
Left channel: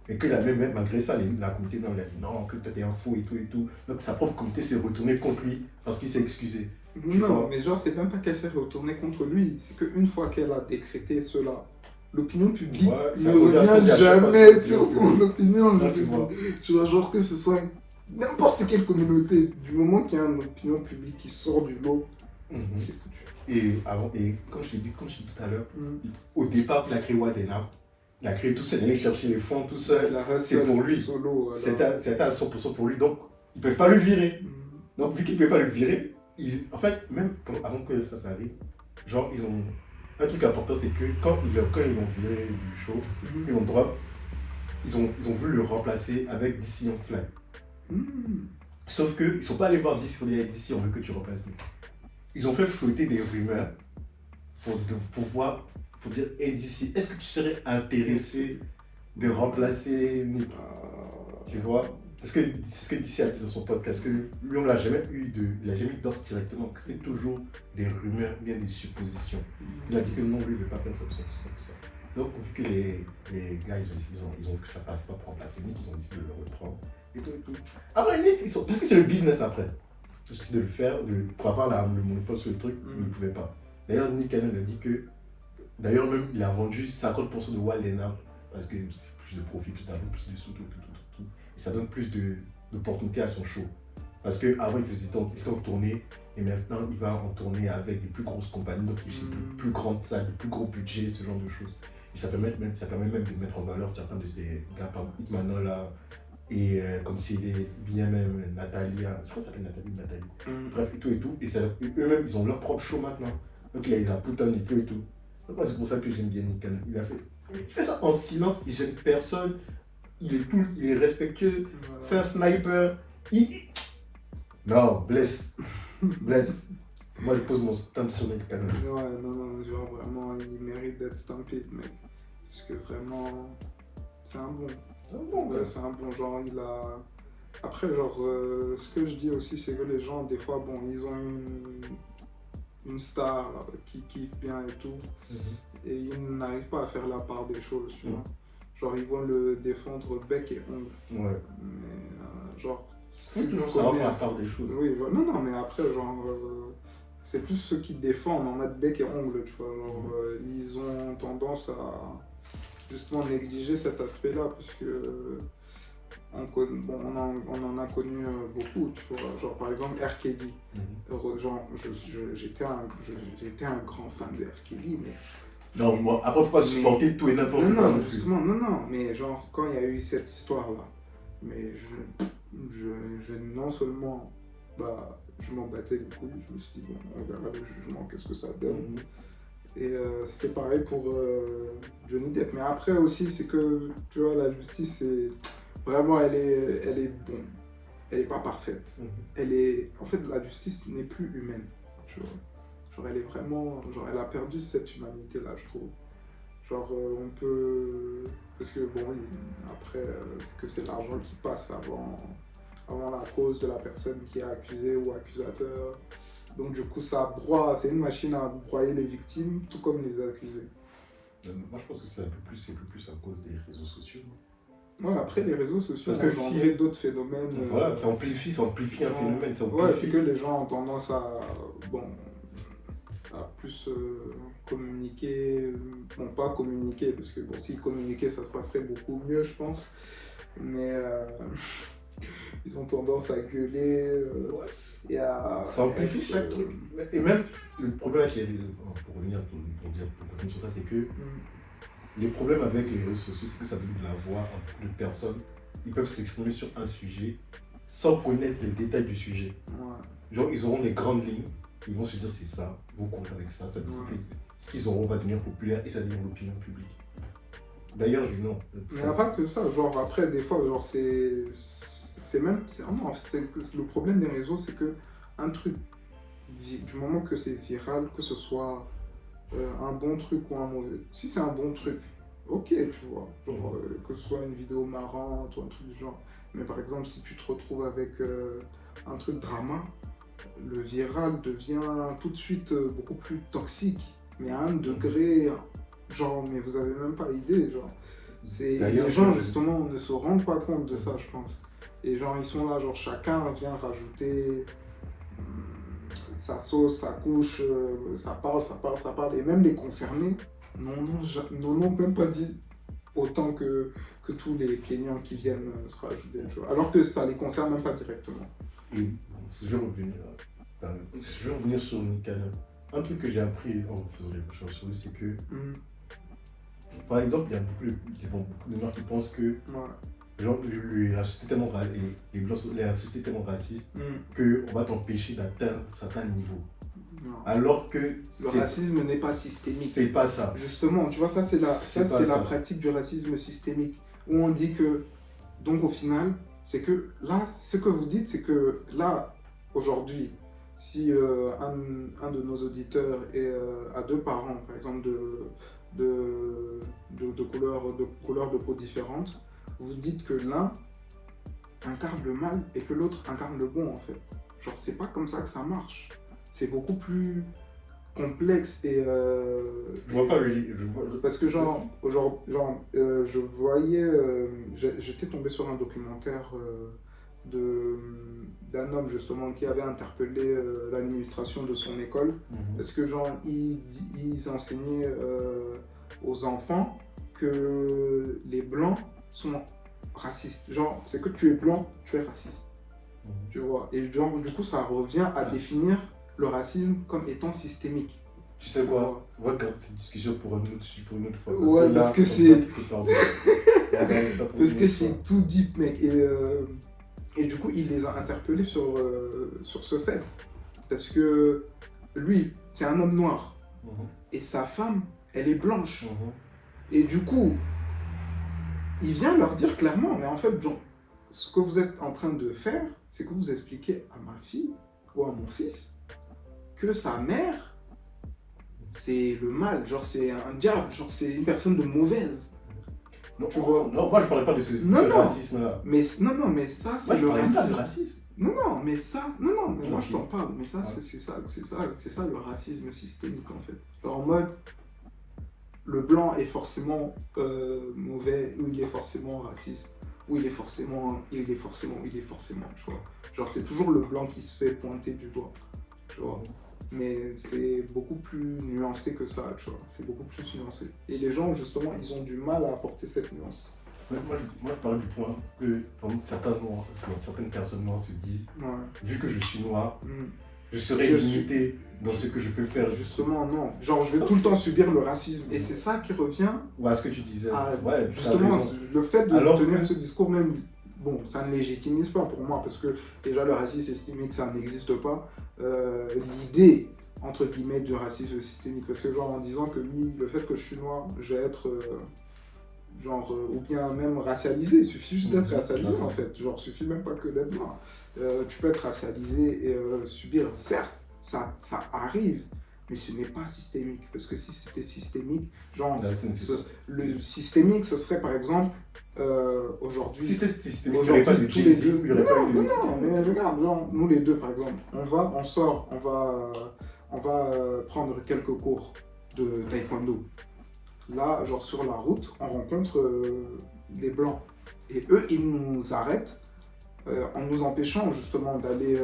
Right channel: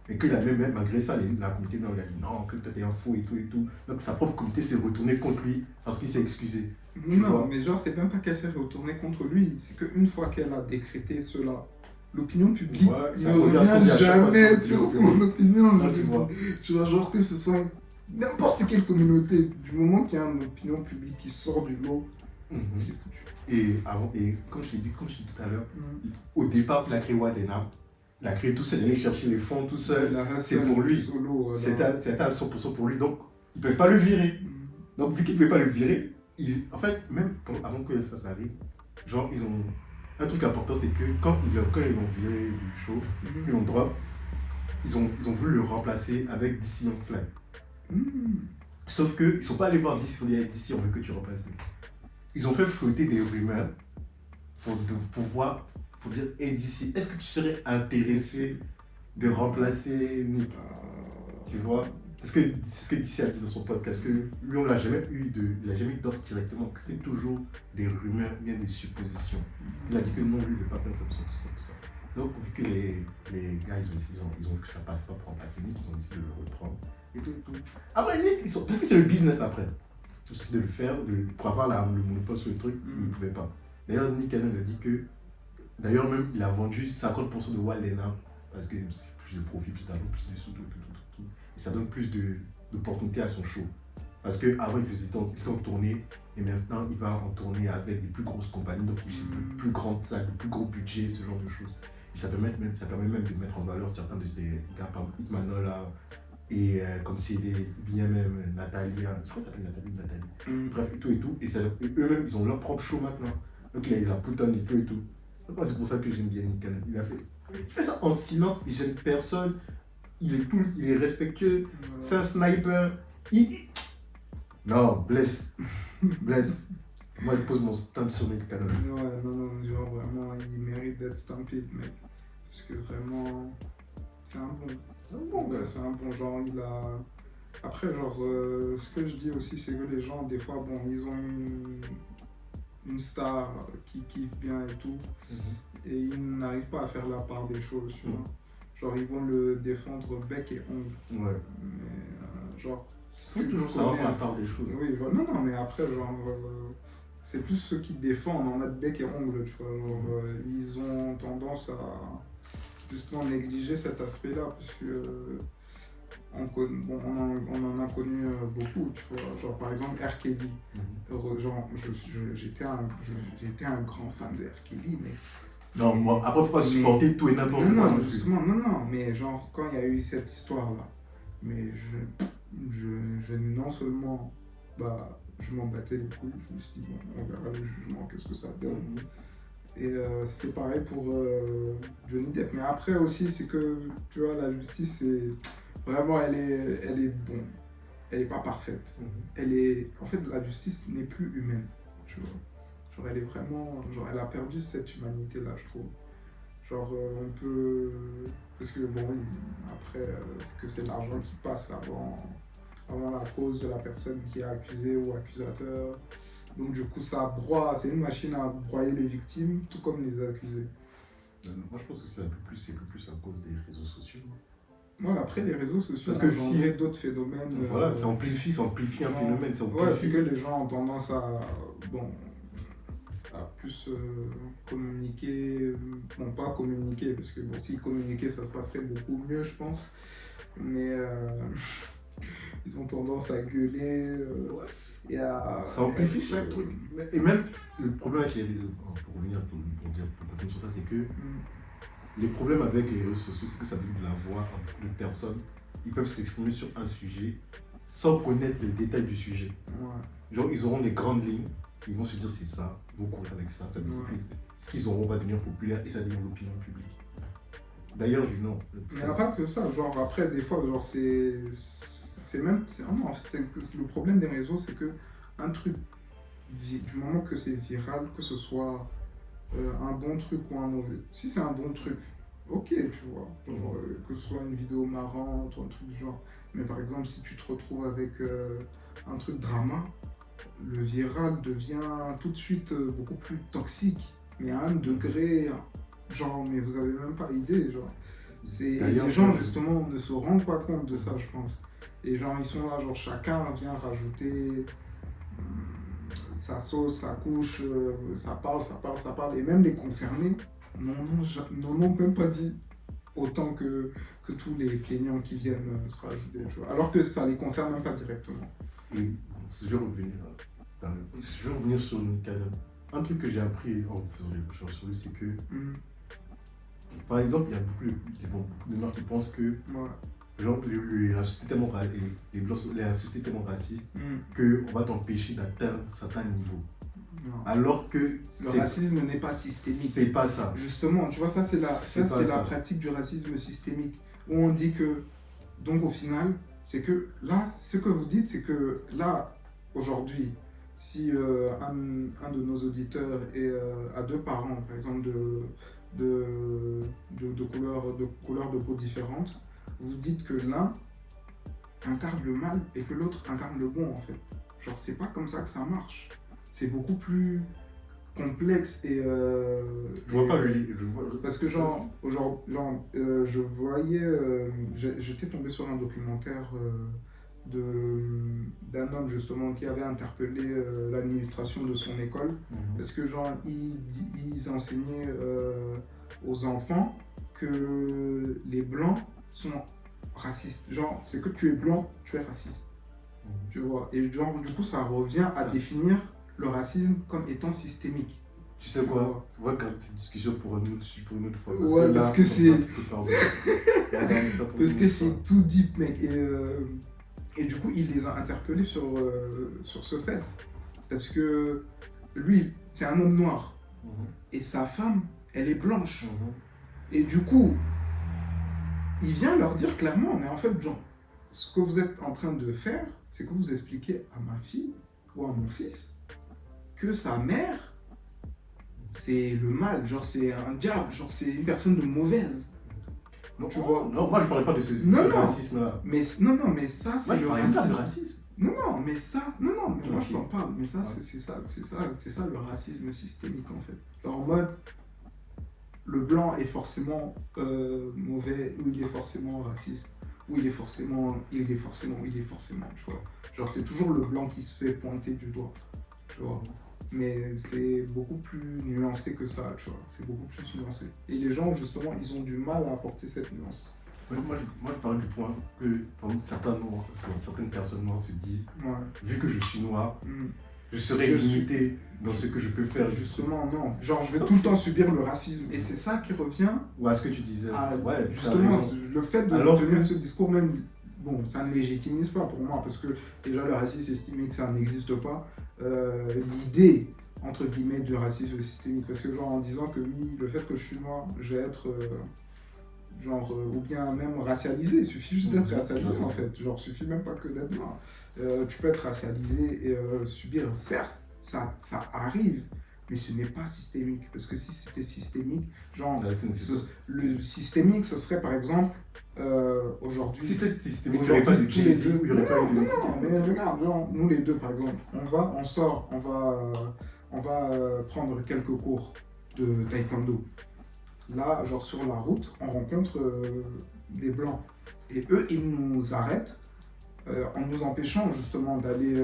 Et que même malgré ça, la communauté noire lui a dit non, que toi t'es un fou et tout et tout. Donc sa propre communauté s'est retournée contre lui parce qu'il s'est excusé. Non, mais genre, c'est même pas qu'elle s'est retournée contre lui, c'est qu'une fois qu'elle a décrété cela, l'opinion publique ne revient jamais sur son opinion. Tu vois, genre que ce soit n'importe quelle communauté, du moment qu'il y a une opinion publique qui sort du lot, c'est foutu. Et comme je l'ai dit tout à l'heure, au départ, il a créé Wadena. Il a créé tout seul, il allait chercher les fonds tout seul. C'est pour lui. C'était à 100% pour lui. Donc, ils ne peuvent pas le virer. Donc, vu qu'ils ne pouvaient pas le virer, en fait, même avant que ça arrive, genre, ils ont. Un truc important, c'est que quand ils l'ont viré du show, ils l'ont drop, ils ont voulu le remplacer avec DC Young Fly. Sauf qu'ils ne sont pas allés voir DC pour dire DC, on veut que tu remplaces nous. Ils ont fait flotter des rumeurs pour dire hey DC, est-ce que tu serais intéressé de remplacer Nick? Tu vois? C'est ce que DC a dit dans son podcast, que lui, on l'a jamais eu d'offre directement, que c'était toujours des rumeurs, bien des suppositions. Il a dit que non, lui, il ne veut pas faire ça, tout ça. Donc, vu que les gars, ils ont vu que ça passe pas pour remplacer Nick, ils ont décidé de le reprendre. Et tout. Après, Nick, parce que c'est le business après. Ils ont décidé de le faire, pour avoir le monopole sur le truc, mais ils ne pouvaient pas. D'ailleurs, Nick Cannon a dit que, d'ailleurs, même, il a vendu 50% de Wild 'N Out, parce que c'est plus de profit, plus d'argent, plus de sous, tout. Et ça donne plus d'opportunités à son show. Parce qu'avant, il faisait tant de tournées, et maintenant, il va en tourner avec des plus grosses compagnies, donc il a de plus grandes salles, de plus gros budgets, ce genre de choses. Et ça permet même de mettre en valeur certains de ces gars, par exemple, Hitmanola, et comme CD, bien même Nathalie, je crois que ça s'appelle Nathalie. Bref, et tout. Et eux-mêmes, ils ont leur propre show maintenant. Donc il a Pluton et tout. Donc moi, c'est pour ça que j'aime bien Nick Cannon. Il fait ça en silence, il gêne personne. Il est respectueux, c'est un sniper. Non, bless. Moi, je pose mon stamp sur Nick Cannon. Ouais, non, genre vraiment, il mérite d'être stampé, mec. Parce que vraiment, c'est un bon. C'est un bon genre, il a. Après, genre, ce que je dis aussi, c'est que les gens, des fois, bon, ils ont une star qui kiffe bien et tout, et ils n'arrivent pas à faire la part des choses, tu vois. Genre, ils vont le défendre bec et ongle. Ouais. Mais, genre. Faut toujours savoir faire la part des choses. Oui, non, mais après, genre. C'est plus ceux qui défendent en mode bec et ongle, tu vois. Genre, ils ont tendance à justement négliger cet aspect-là, parce que. On en a connu beaucoup, tu vois. Genre, par exemple, R. Kelly. Genre, j'étais un grand fan de R. Kelly, mais. Non, bon, après, faut pas supporter tout et n'importe quoi. Non, justement, non, mais genre, quand il y a eu cette histoire-là, mais non seulement, je m'en battais les couilles, je me suis dit, bon, on verra le jugement, qu'est-ce que ça donne. Et c'était pareil pour Johnny Depp. Mais après aussi, c'est que, tu vois, la justice, c'est vraiment, elle est bonne. Elle n'est pas parfaite. En fait, la justice n'est plus humaine, tu vois. Genre, elle est vraiment. Genre, elle a perdu cette humanité-là, je trouve. Genre, on peut. Parce que, bon, oui, après, c'est que c'est l'argent qui passe avant la cause de la personne qui est accusée ou accusateur. Donc, du coup, ça broie. C'est une machine à broyer les victimes, tout comme les accusés. Moi, je pense que c'est un peu plus à cause des réseaux sociaux. Ouais, après, les réseaux sociaux ont engendré d'autres phénomènes. Voilà, ça amplifie un phénomène. Ouais, c'est que les gens ont tendance à plus communiquer, bon, pas communiquer, parce que bon, si communiquer, ça se passerait beaucoup mieux, je pense, mais ils ont tendance à gueuler et à... Ça amplifie chaque truc. Et même, le problème avec les réseaux, pour continuer sur ça, c'est que les problèmes avec les réseaux sociaux, c'est que ça donne de la voix à beaucoup de personnes. Ils peuvent s'exprimer sur un sujet sans connaître les détails du sujet. Genre, ils auront les grandes lignes. Ils vont se dire c'est ça, ils vont courir avec ça, ce qu'ils auront va devenir populaire et ça devient l'opinion publique. D'ailleurs, non. Mais il n'y a pas que ça, genre après, des fois, genre c'est même. Non, en fait, le problème des réseaux, c'est que un truc, du moment que c'est viral, que ce soit un bon truc ou un mauvais. Si c'est un bon truc, ok, tu vois, genre, que ce soit une vidéo marrante ou un truc du genre. Mais par exemple, si tu te retrouves avec un truc drama, le viral devient tout de suite beaucoup plus toxique, mais à un degré, genre, mais vous avez même pas idée, genre. Les gens, justement, ne se rendent pas compte de ça, je pense. Les gens, ils sont là, genre, chacun vient rajouter sa sauce, sa couche, ça parle. Et même les concernés n'en ont même pas dit autant que tous les plaignants qui viennent se rajouter, tu vois. Alors que ça les concerne même pas directement. Et je vais revenir sur Nickel. Un truc que j'ai appris en faisant les recherches sur lui, c'est que, par exemple, il y a beaucoup de gens qui pensent que genre, la société est tellement, la société est tellement raciste qu'on va t'empêcher d'atteindre certains niveaux. Non. Alors que le racisme n'est pas systémique. C'est pas ça. Justement, tu vois, ça c'est la pratique du racisme systémique. Où on dit que, donc au final, c'est que là, ce que vous dites, c'est que là, aujourd'hui, si un de nos auditeurs a deux parents, par exemple, de couleurs de peau différentes, vous dites que l'un incarne le mal et que l'autre incarne le bon, en fait. Genre, c'est pas comme ça que ça marche. C'est beaucoup plus complexe et... je vois pas parce que je voyais... j'étais tombé sur un documentaire d'un homme, justement, qui avait interpellé l'administration de son école. Parce que, genre, ils enseignaient aux enfants que les Blancs sont racistes. Genre, c'est que tu es blanc, tu es raciste. Tu vois. Et genre, du coup, ça revient à définir le racisme comme étant systémique. Tu sais quoi? On va garder cette discussion pour une autre fois. Ouais, parce que c'est... parce que c'est tout deep, mec. Et du coup, il les a interpellés sur ce fait. Parce que lui, c'est un homme noir. Et sa femme, elle est blanche. Et du coup, il vient leur dire clairement, mais en fait, genre, ce que vous êtes en train de faire, c'est que vous expliquez à ma fille ou à mon fils que sa mère, c'est le mal, genre c'est un diable, genre c'est une personne de mauvaise. Non, tu vois. Non, moi je parlais pas de ce racisme-là. Mais ça, c'est le racisme. Pas de racisme. Non, mais moi je t'en parle, mais ça, c'est ça le racisme systémique en fait. Genre en mode, le blanc est forcément mauvais, ou il est forcément raciste, ou il est forcément, tu vois. Genre c'est toujours le blanc qui se fait pointer du doigt, tu vois. Mais c'est beaucoup plus nuancé que ça, tu vois. C'est beaucoup plus nuancé. Et les gens, justement, ils ont du mal à apporter cette nuance. Moi, je parlais du point que certaines personnes noires se disent, vu que je suis noir, je serai limité dans ce que je peux faire. Justement, non. Genre, je vais tout le temps subir le racisme. Et c'est ça qui revient... Ou à ce que tu disais. Justement, le fait de tenir ce discours même... Bon, ça ne légitimise pas pour moi, parce que déjà le racisme systémique, ça n'existe pas. L'idée, entre guillemets, du racisme systémique, parce que genre en disant que oui, le fait que je suis noir, je vais être, ou bien même racialisé, il suffit juste d'être racialisé en fait, genre il suffit même pas que d'être noir. Tu peux être racialisé et subir, certes, ça arrive, mais ce n'est pas systémique, parce que si c'était systémique, le systémique, ce serait par exemple, aujourd'hui... Si c'était systémique, il n'y aurait pas de Jay-Z, il n'y aurait pas de... Non, mais regarde, genre, nous les deux par exemple, on va prendre quelques cours de taekwondo. Là, genre sur la route, on rencontre des blancs, et eux, ils nous arrêtent en nous empêchant justement d'aller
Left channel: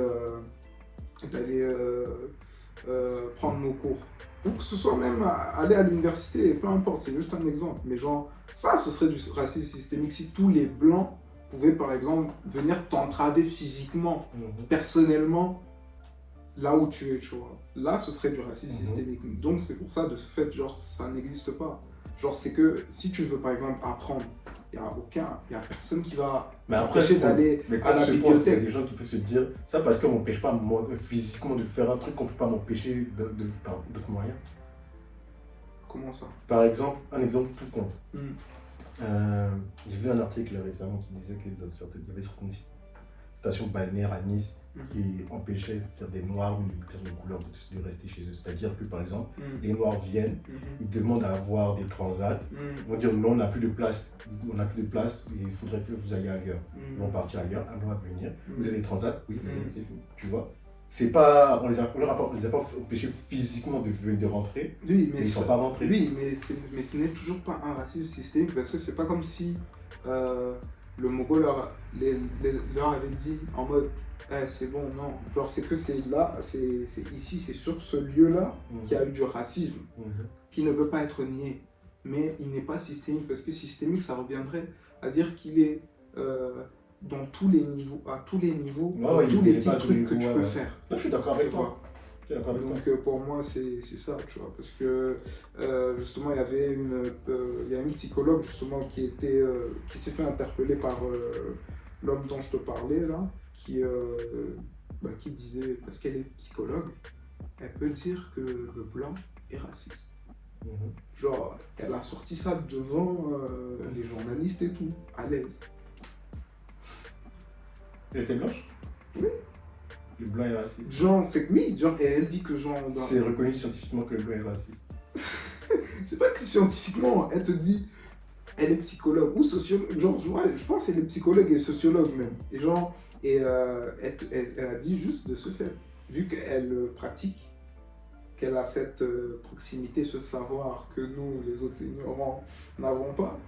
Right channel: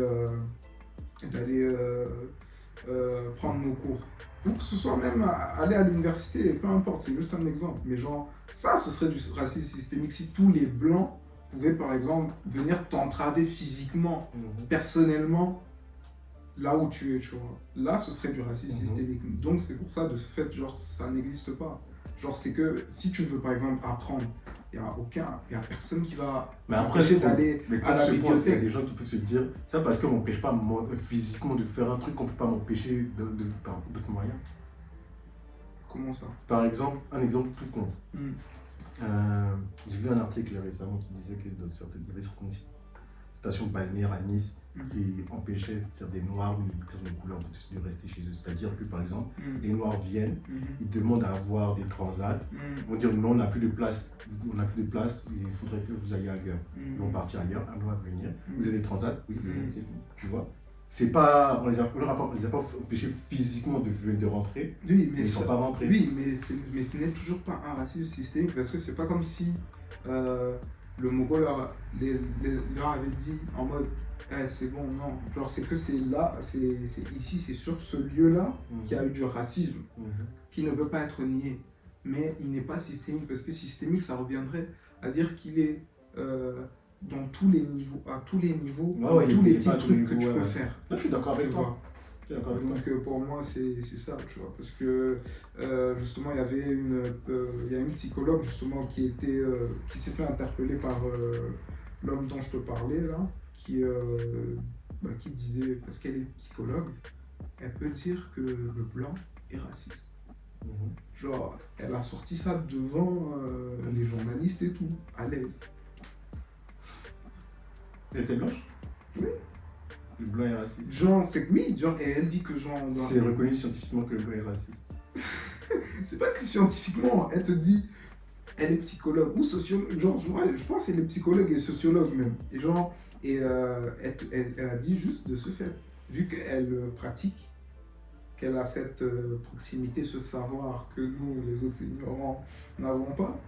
prendre nos cours. Ou que ce soit même aller à l'université, peu importe, c'est juste un exemple. Mais genre, ça, ce serait du racisme systémique si tous les blancs pouvaient, par exemple, venir t'entraver physiquement, personnellement, là où tu es, tu vois. Là, ce serait du racisme systémique. Donc, c'est pour ça, de ce fait, genre, ça n'existe pas. Genre, c'est que si tu veux, par exemple, apprendre, il n'y a personne qui va m'empêcher d'aller à la bibliothèque. Il y a des gens qui peuvent se dire, ça parce qu'on ne m'empêche pas physiquement de faire un truc qu'on ne peut pas m'empêcher par d'autres moyens. Comment ça? Par exemple, un exemple tout con. J'ai vu un article récemment qui disait qu'il y avait certaines stations balnéaires à Nice qui empêchaient des Noirs ou une personne de couleur de rester chez eux. C'est-à-dire que, par exemple, les Noirs viennent, ils demandent à avoir des transats, ils vont dire non, on n'a plus de place, il faudrait que vous ayez ailleurs. Ils vont partir ailleurs, un mois à venir. Vous avez des transats, oui, c'est tout, tu vois. C'est pas, on les a pas empêchés physiquement de rentrer, oui, mais ils sont pas rentrés. Oui, mais ce n'est toujours pas un racisme systémique parce que c'est pas comme si le Mogol leur avait dit en mode c'est bon, non. Genre, c'est que c'est là, c'est ici, c'est sur ce lieu-là qu'il y a eu du racisme qui ne peut pas être nié. Mais il n'est pas systémique parce que systémique, ça reviendrait à dire qu'il est dans tous les niveaux, à tous les niveaux, tous les petits trucs que tu peux faire. Non, je suis d'accord avec toi. Donc pour moi c'est ça, tu vois, parce que justement il y avait une psychologue justement qui s'est fait interpeller par l'homme dont je te parlais là, qui disait, parce qu'elle est psychologue, elle peut dire que le blanc est raciste. Genre, elle a sorti ça devant les journalistes et tout, à l'aise. Elle était blanche? Oui. Le blanc est raciste. Genre, et elle dit que genre... C'est reconnu scientifiquement que le blanc est raciste. C'est pas que scientifiquement, elle te dit, elle est psychologue ou sociologue, genre, je pense qu'elle est psychologue et sociologue même. Et genre, elle a dit juste de ce fait, vu qu'elle pratique, qu'elle a cette proximité, ce savoir que nous, les autres ignorants, n'avons pas,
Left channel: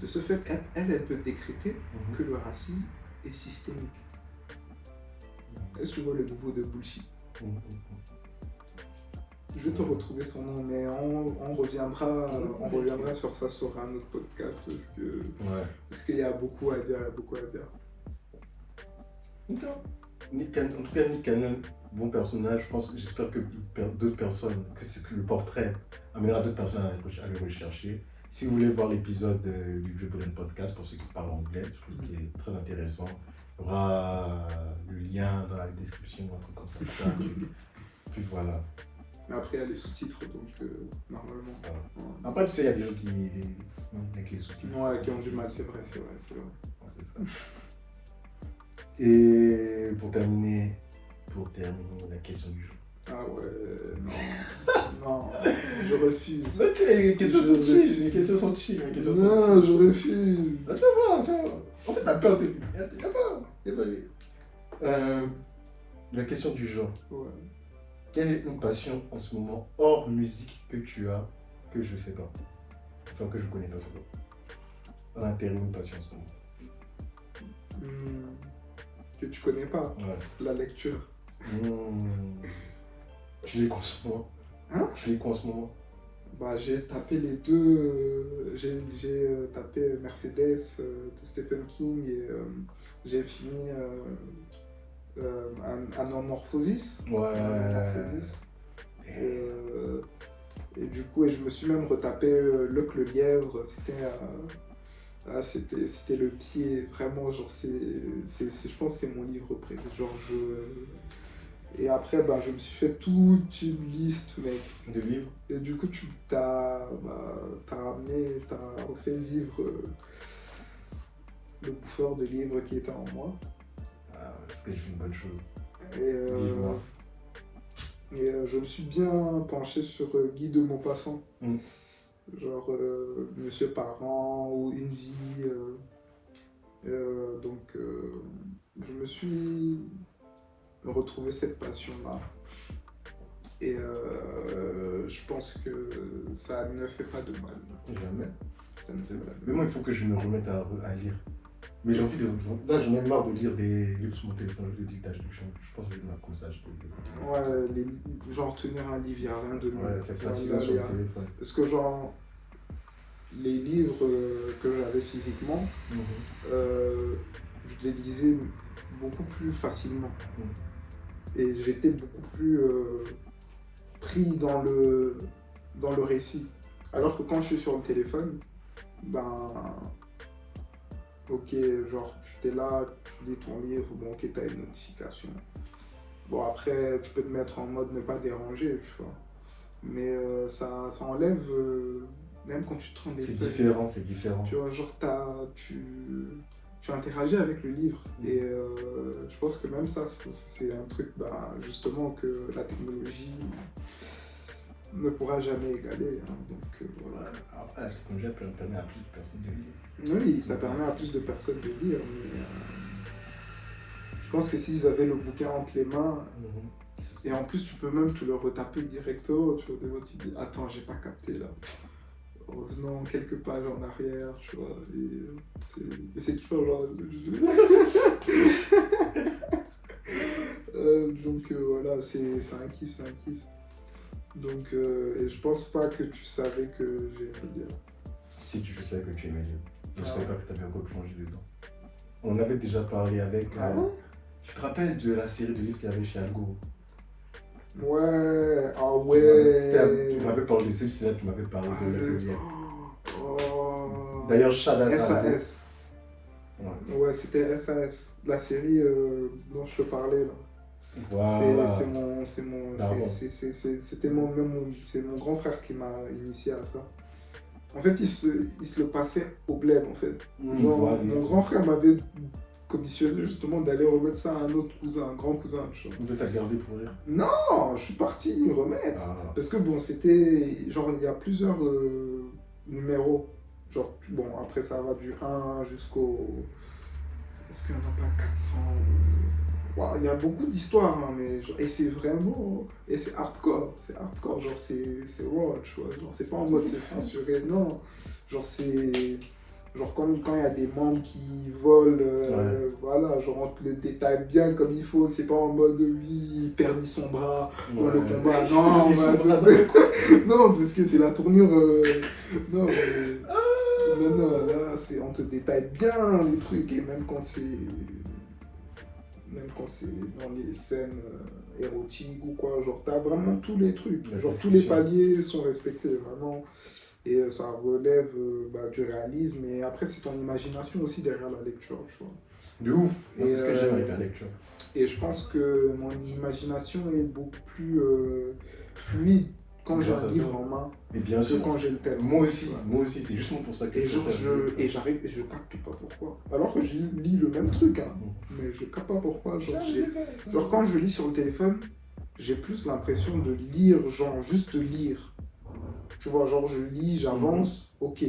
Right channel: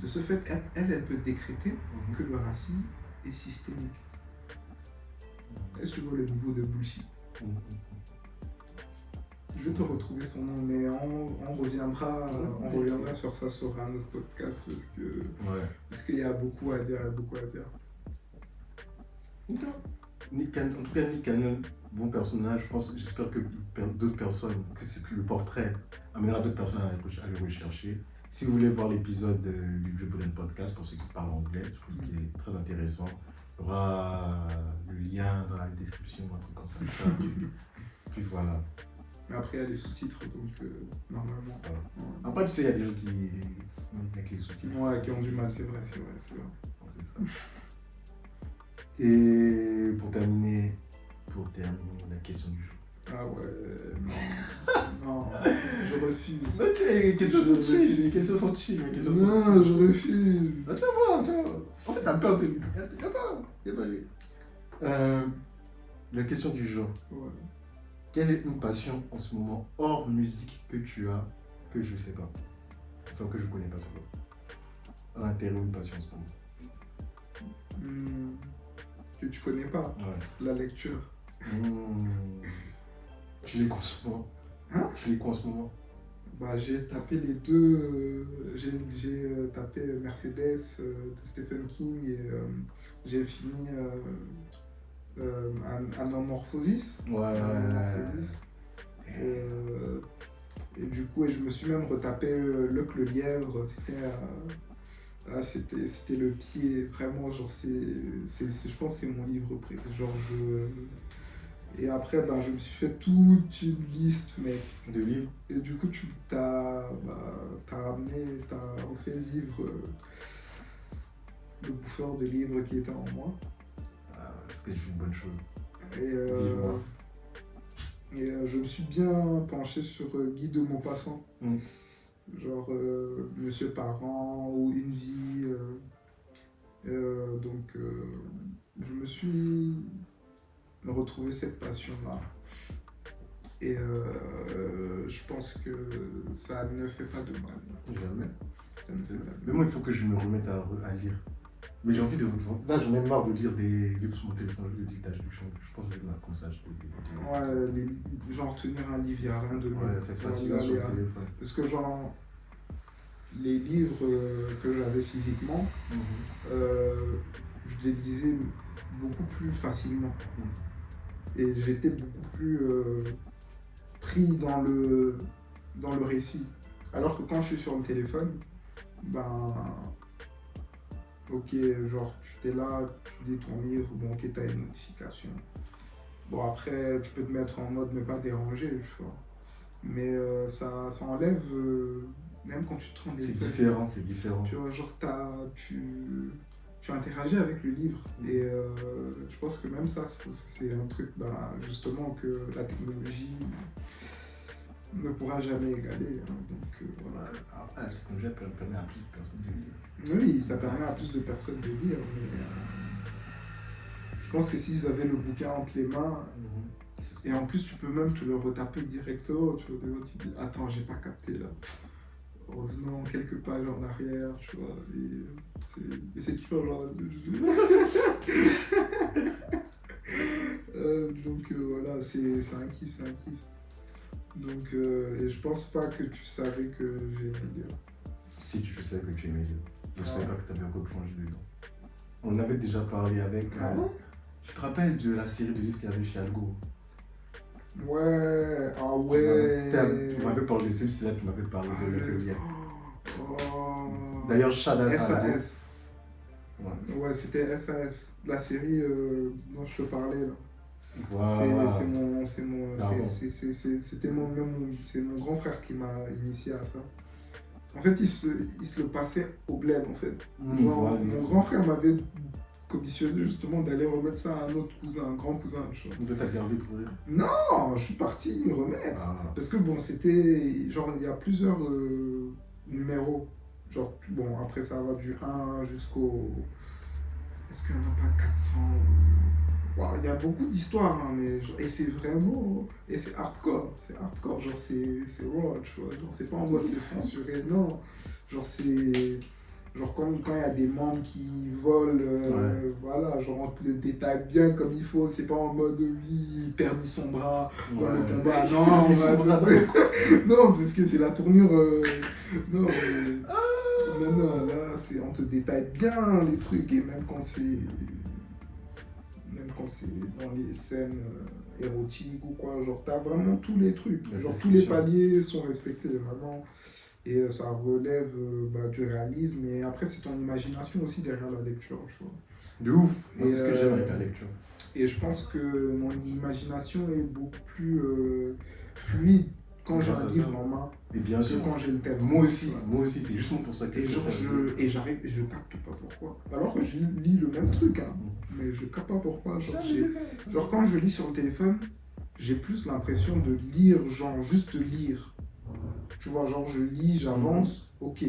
de ce fait, elle peut décréter que le racisme est systémique. Est-ce que tu vois le niveau de bullshit? Je vais te retrouver son nom, mais on reviendra sur ça sur un autre podcast parce qu'il y a beaucoup à dire, En tout cas, Nick Cannon, bon personnage. J'espère que d'autres personnes, que le portrait amènera d'autres personnes à le rechercher. Si vous voulez voir l'épisode du Joe Budden Podcast, pour ceux qui parlent anglais, je trouve qu'il est très intéressant. Il y aura le lien dans la description ou un truc comme ça. Puis voilà. Mais après, il y a les sous-titres, donc normalement. Voilà. Après, tu sais, il y a des gens qui avec les sous-titres. Ouais, qui ont du mal, c'est vrai. C'est ça. Et pour terminer la question du jour. Ah ouais, non, je refuse. Non, tu sais, les questions sont chill. Non, je refuse. Ah, tu vas voir. En fait, t'as peur de lui. Il n'y a pas lui. La question du jour. Ouais. Quelle est une passion en ce moment hors musique que tu as, que je sais pas, enfin que je connais pas tout le un intérêt ou une passion en ce moment que tu connais pas? Ouais. La lecture. Tu lis quoi en ce moment? Tu lis quoi en ce moment? Bah, j'ai tapé les deux. J'ai tapé Mercedes de Stephen King et j'ai fini Anamorphosis. Ouais. Et du coup, je me suis même retapé Luc le Lièvre. C'était le pied, vraiment. Genre, je pense que c'est mon livre préféré. Genre, Et après, je me suis fait toute une liste, mec. De livres. Et du coup, t'as refait vivre le bouffeur de livres qui était en moi. Parce que j'ai fait une bonne chose. Vivement. Et je me suis bien penché sur Guy de Maupassant. Genre Monsieur Parent ou Une vie. Donc, je me suis retrouvé cette passion-là. Et je pense que ça ne fait pas de mal. Jamais. Ça ne fait pas de mal. Mais moi, il faut que je me remette à lire. Mais j'ai envie de. Là, j'en ai marre de lire des livres sur mon téléphone, de dictage. Je pense que je vais comme ça. Ouais, genre tenir un livre, il n'y a rien de mieux. Ouais, c'est fatigant sur le téléphone. Parce que, genre, les livres que j'avais physiquement, je les lisais beaucoup plus facilement. Et j'étais beaucoup plus pris dans le récit. Alors que quand je suis sur le téléphone, ok, genre tu t'es là, tu lis ton livre, bon ok, t'as une notification. Bon après, tu peux te mettre en mode ne pas déranger, tu vois. Mais ça enlève même quand tu te rends des C'est feuilles, différent, c'est différent. tu vois, genre tu interagis avec le livre. Et je pense que même ça, c'est un truc, bah, justement, que la technologie ne pourra jamais égaler. Hein. Donc voilà. Après, la technologie permet à plus de personnes de lire. Oui, ça permet à plus de personnes de lire, mais je pense que s'ils avaient le bouquin entre les mains, et en plus tu peux même te le retaper directement, tu vois, des fois, tu dis attends, j'ai pas capté là. Revenons quelques pages en arrière, tu vois, et c'est différent, genre. Donc voilà, c'est un kiff, c'est un kiff. Donc, et je pense pas que tu savais que j'aimais lire. Si je savais que tu aimais lire. Je Ah savais ouais. pas que tu avais replongé dedans. On avait déjà parlé avec. Ah ouais. Tu te rappelles de la série de livres qu'il y avait chez Algo? Ouais, ah ouais. Tu m'avais parlé de celle-ci, tu m'avais parlé Ah, de le- la Oh. D'ailleurs, shout-out à Algo. SAS. Ouais, Ouais, c'était SAS, la série dont je te parlais là. voilà. Pardon. C'était c'est mon grand frère qui m'a initié à ça. En fait, il se le passait au bled en fait. Genre, Voilà. mon grand frère m'avait commissionné justement d'aller remettre ça à un autre cousin, un grand cousin. Tu vois. Vous êtes gardé pour lire. Non, je suis parti me remettre. Ah. Parce que bon, c'était genre il y a plusieurs numéros. Genre, bon, après ça va du 1 jusqu'au. Est-ce qu'il n'y en a pas 400 ou... Wow, il y a beaucoup d'histoires, hein, mais et c'est vraiment. Et c'est hardcore. C'est hardcore. Genre, c'est raw, tu vois. Genre, c'est pas en mode c'est censuré. Non. Genre, c'est. Genre, quand il y a des membres qui volent, voilà, genre, on te le détaille bien comme il faut. C'est pas en mode lui, il perdit son bras dans le combat. Non, non, parce que c'est la tournure. Non, non, là, on te détaille bien les trucs, et même quand c'est dans les scènes érotiques ou quoi, genre t'as vraiment tous les trucs, genre tous les paliers sont respectés, vraiment, et ça relève du réalisme, et après c'est ton imagination aussi derrière la lecture, tu vois. De ouf. C'est ce que j'aime avec la lecture. Et je pense que mon imagination est beaucoup plus fluide quand j'ai un livre en main et bien sûr, que quand j'ai le thème. Moi aussi, c'est justement pour ça que je capte pas pourquoi. Alors que je lis le même truc, hein, mais je capte pas pourquoi. Genre quand je lis sur le téléphone, j'ai plus l'impression de lire, genre juste lire. Tu vois, genre je lis, j'avance, ok.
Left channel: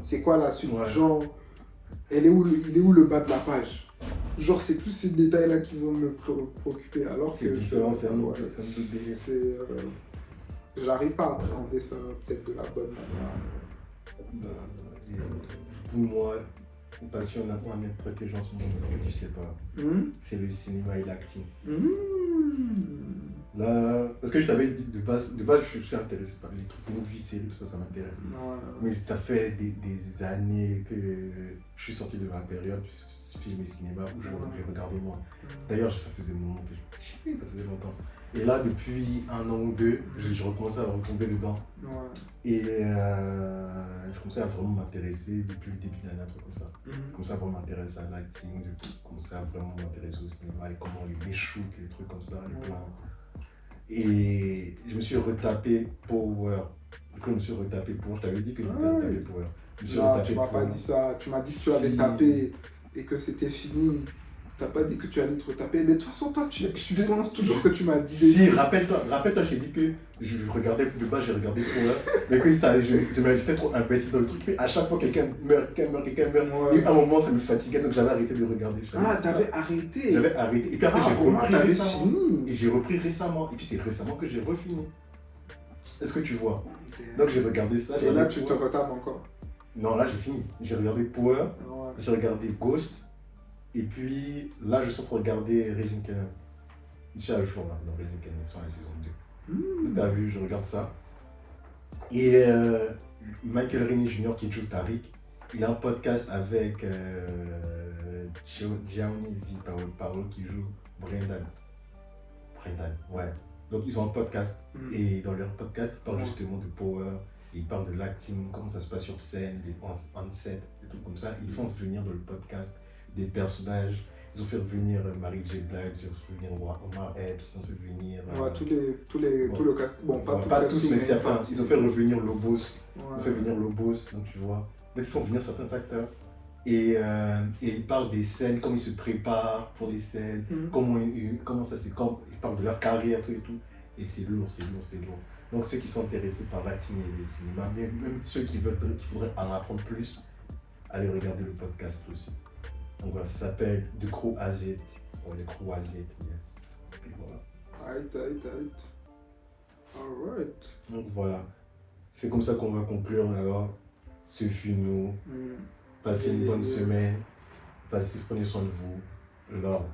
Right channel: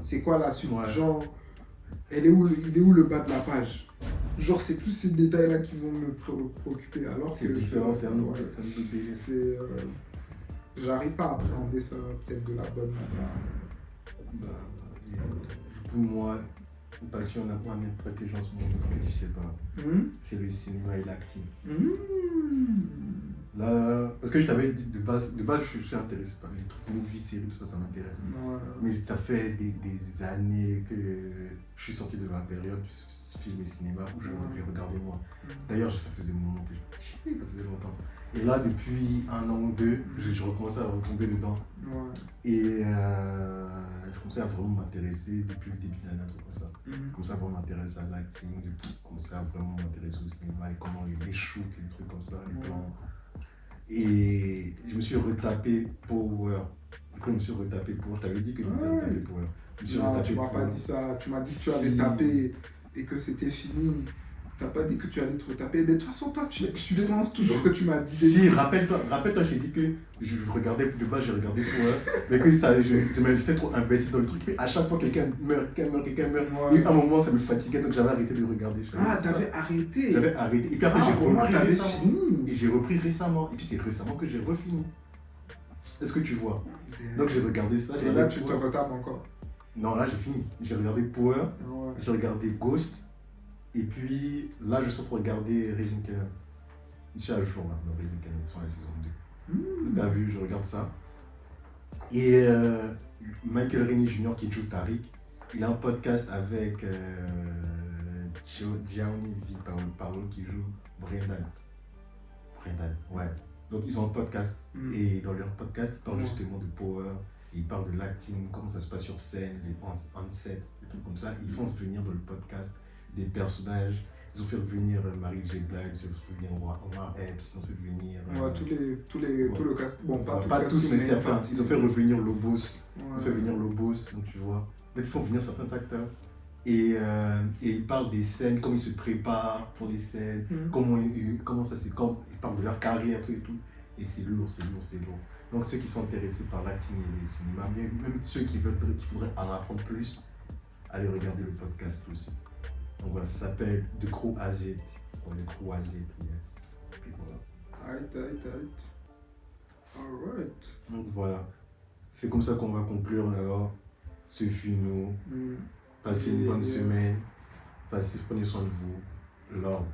C'est quoi la suite? Genre, il est où le bas de la page? Genre, c'est plus ces détails-là qui vont me préoccuper. Alors que. C'est différent, c'est un autre délire. J'arrive pas à appréhender ça peut-être de la bonne manière. Pour moi, une passion n'a pas un truc que j'en ce moment que tu sais pas. C'est le cinéma et l'acting. Là, parce que je t'avais dit de base je suis intéressé par les trucs movies, séries, ça m'intéresse. Mais ça fait des années que je suis sorti de ma période film et cinéma où je regardais moi. D'ailleurs, ça faisait un moment que ça faisait longtemps. Et là, depuis 1 an ou 2, je recommençais à retomber dedans. Et je commençais à vraiment m'intéresser depuis le début de l'année, un truc comme ça. Je commençais à vraiment m'intéresser à l'acting, je commençais à vraiment m'intéresser au cinéma et comment les shoots, les trucs comme ça, les plans. Et je me suis retapé Power. Du coup, je me suis retapé Power. Je t'avais dit que je m'étais retapé Power. Non, tu m'as pas dit ça. Tu m'as dit que tu avais tapé et que c'était fini. T'as pas dit que tu allais te retaper. Mais de toute façon, toi, tu penses toujours que tu m'as dit. Si, rappelle-toi, j'ai dit que je regardais de base, j'ai regardé Power. Mais que ça, j'étais trop investi dans le truc. Mais à chaque fois, quelqu'un meurt. Ouais. Et à un moment, ça me fatiguait, donc j'avais arrêté de regarder. T'avais arrêté? J'avais arrêté. Et puis après, j'ai repris récemment. Et j'ai repris récemment. Et puis c'est récemment que j'ai refini. Est-ce que tu vois? Donc j'ai regardé ça. Et là, tu te retapes encore? Non, là, j'ai fini. J'ai regardé Power. J'ai regardé Ghost. Et puis là, je suis en train de regarder Raising Kanan. Je suis à jour là, dans Raising Kanan, ils sont à la saison 2. T'as vu, je regarde ça. Et Michael Rennie Jr. qui joue Tariq, il a un podcast avec Gianni Paolo qui joue Brendan, ouais. Donc ils ont un podcast. Et dans leur podcast, ils parlent justement de Power. Ils parlent de l'acting, comment ça se passe sur scène, les on-set, des trucs comme ça. Ils font venir dans le podcast des personnages Ils ont fait revenir Mary J. Blige, ils ont fait revenir Omar Epps, ils ont fait revenir. Ouais, tout le cast. Bon, pas, Ouais, tout pas le tous, casting, mais une certains. partie. Ils ont fait revenir Lobos. Ils Ouais. ont fait venir Lobos, donc tu vois. Donc ils font venir certains acteurs. Et ils parlent des scènes, comment ils se préparent pour les scènes, comment ça c'est, quand ils parlent de leur carrière, tout et tout. Et c'est lourd, c'est lourd, c'est lourd. Donc ceux qui sont intéressés par l'acting et les cinémas, même ceux qui voudraient en apprendre plus, allez regarder le podcast aussi. Donc voilà, ça s'appelle The Crew AZ. Ouais, The Crew AZ, yes. Et puis voilà. Alright. Donc voilà. C'est comme ça qu'on va conclure alors. Ce fut nous. Passez une bonne semaine. Prenez soin de vous. Lord.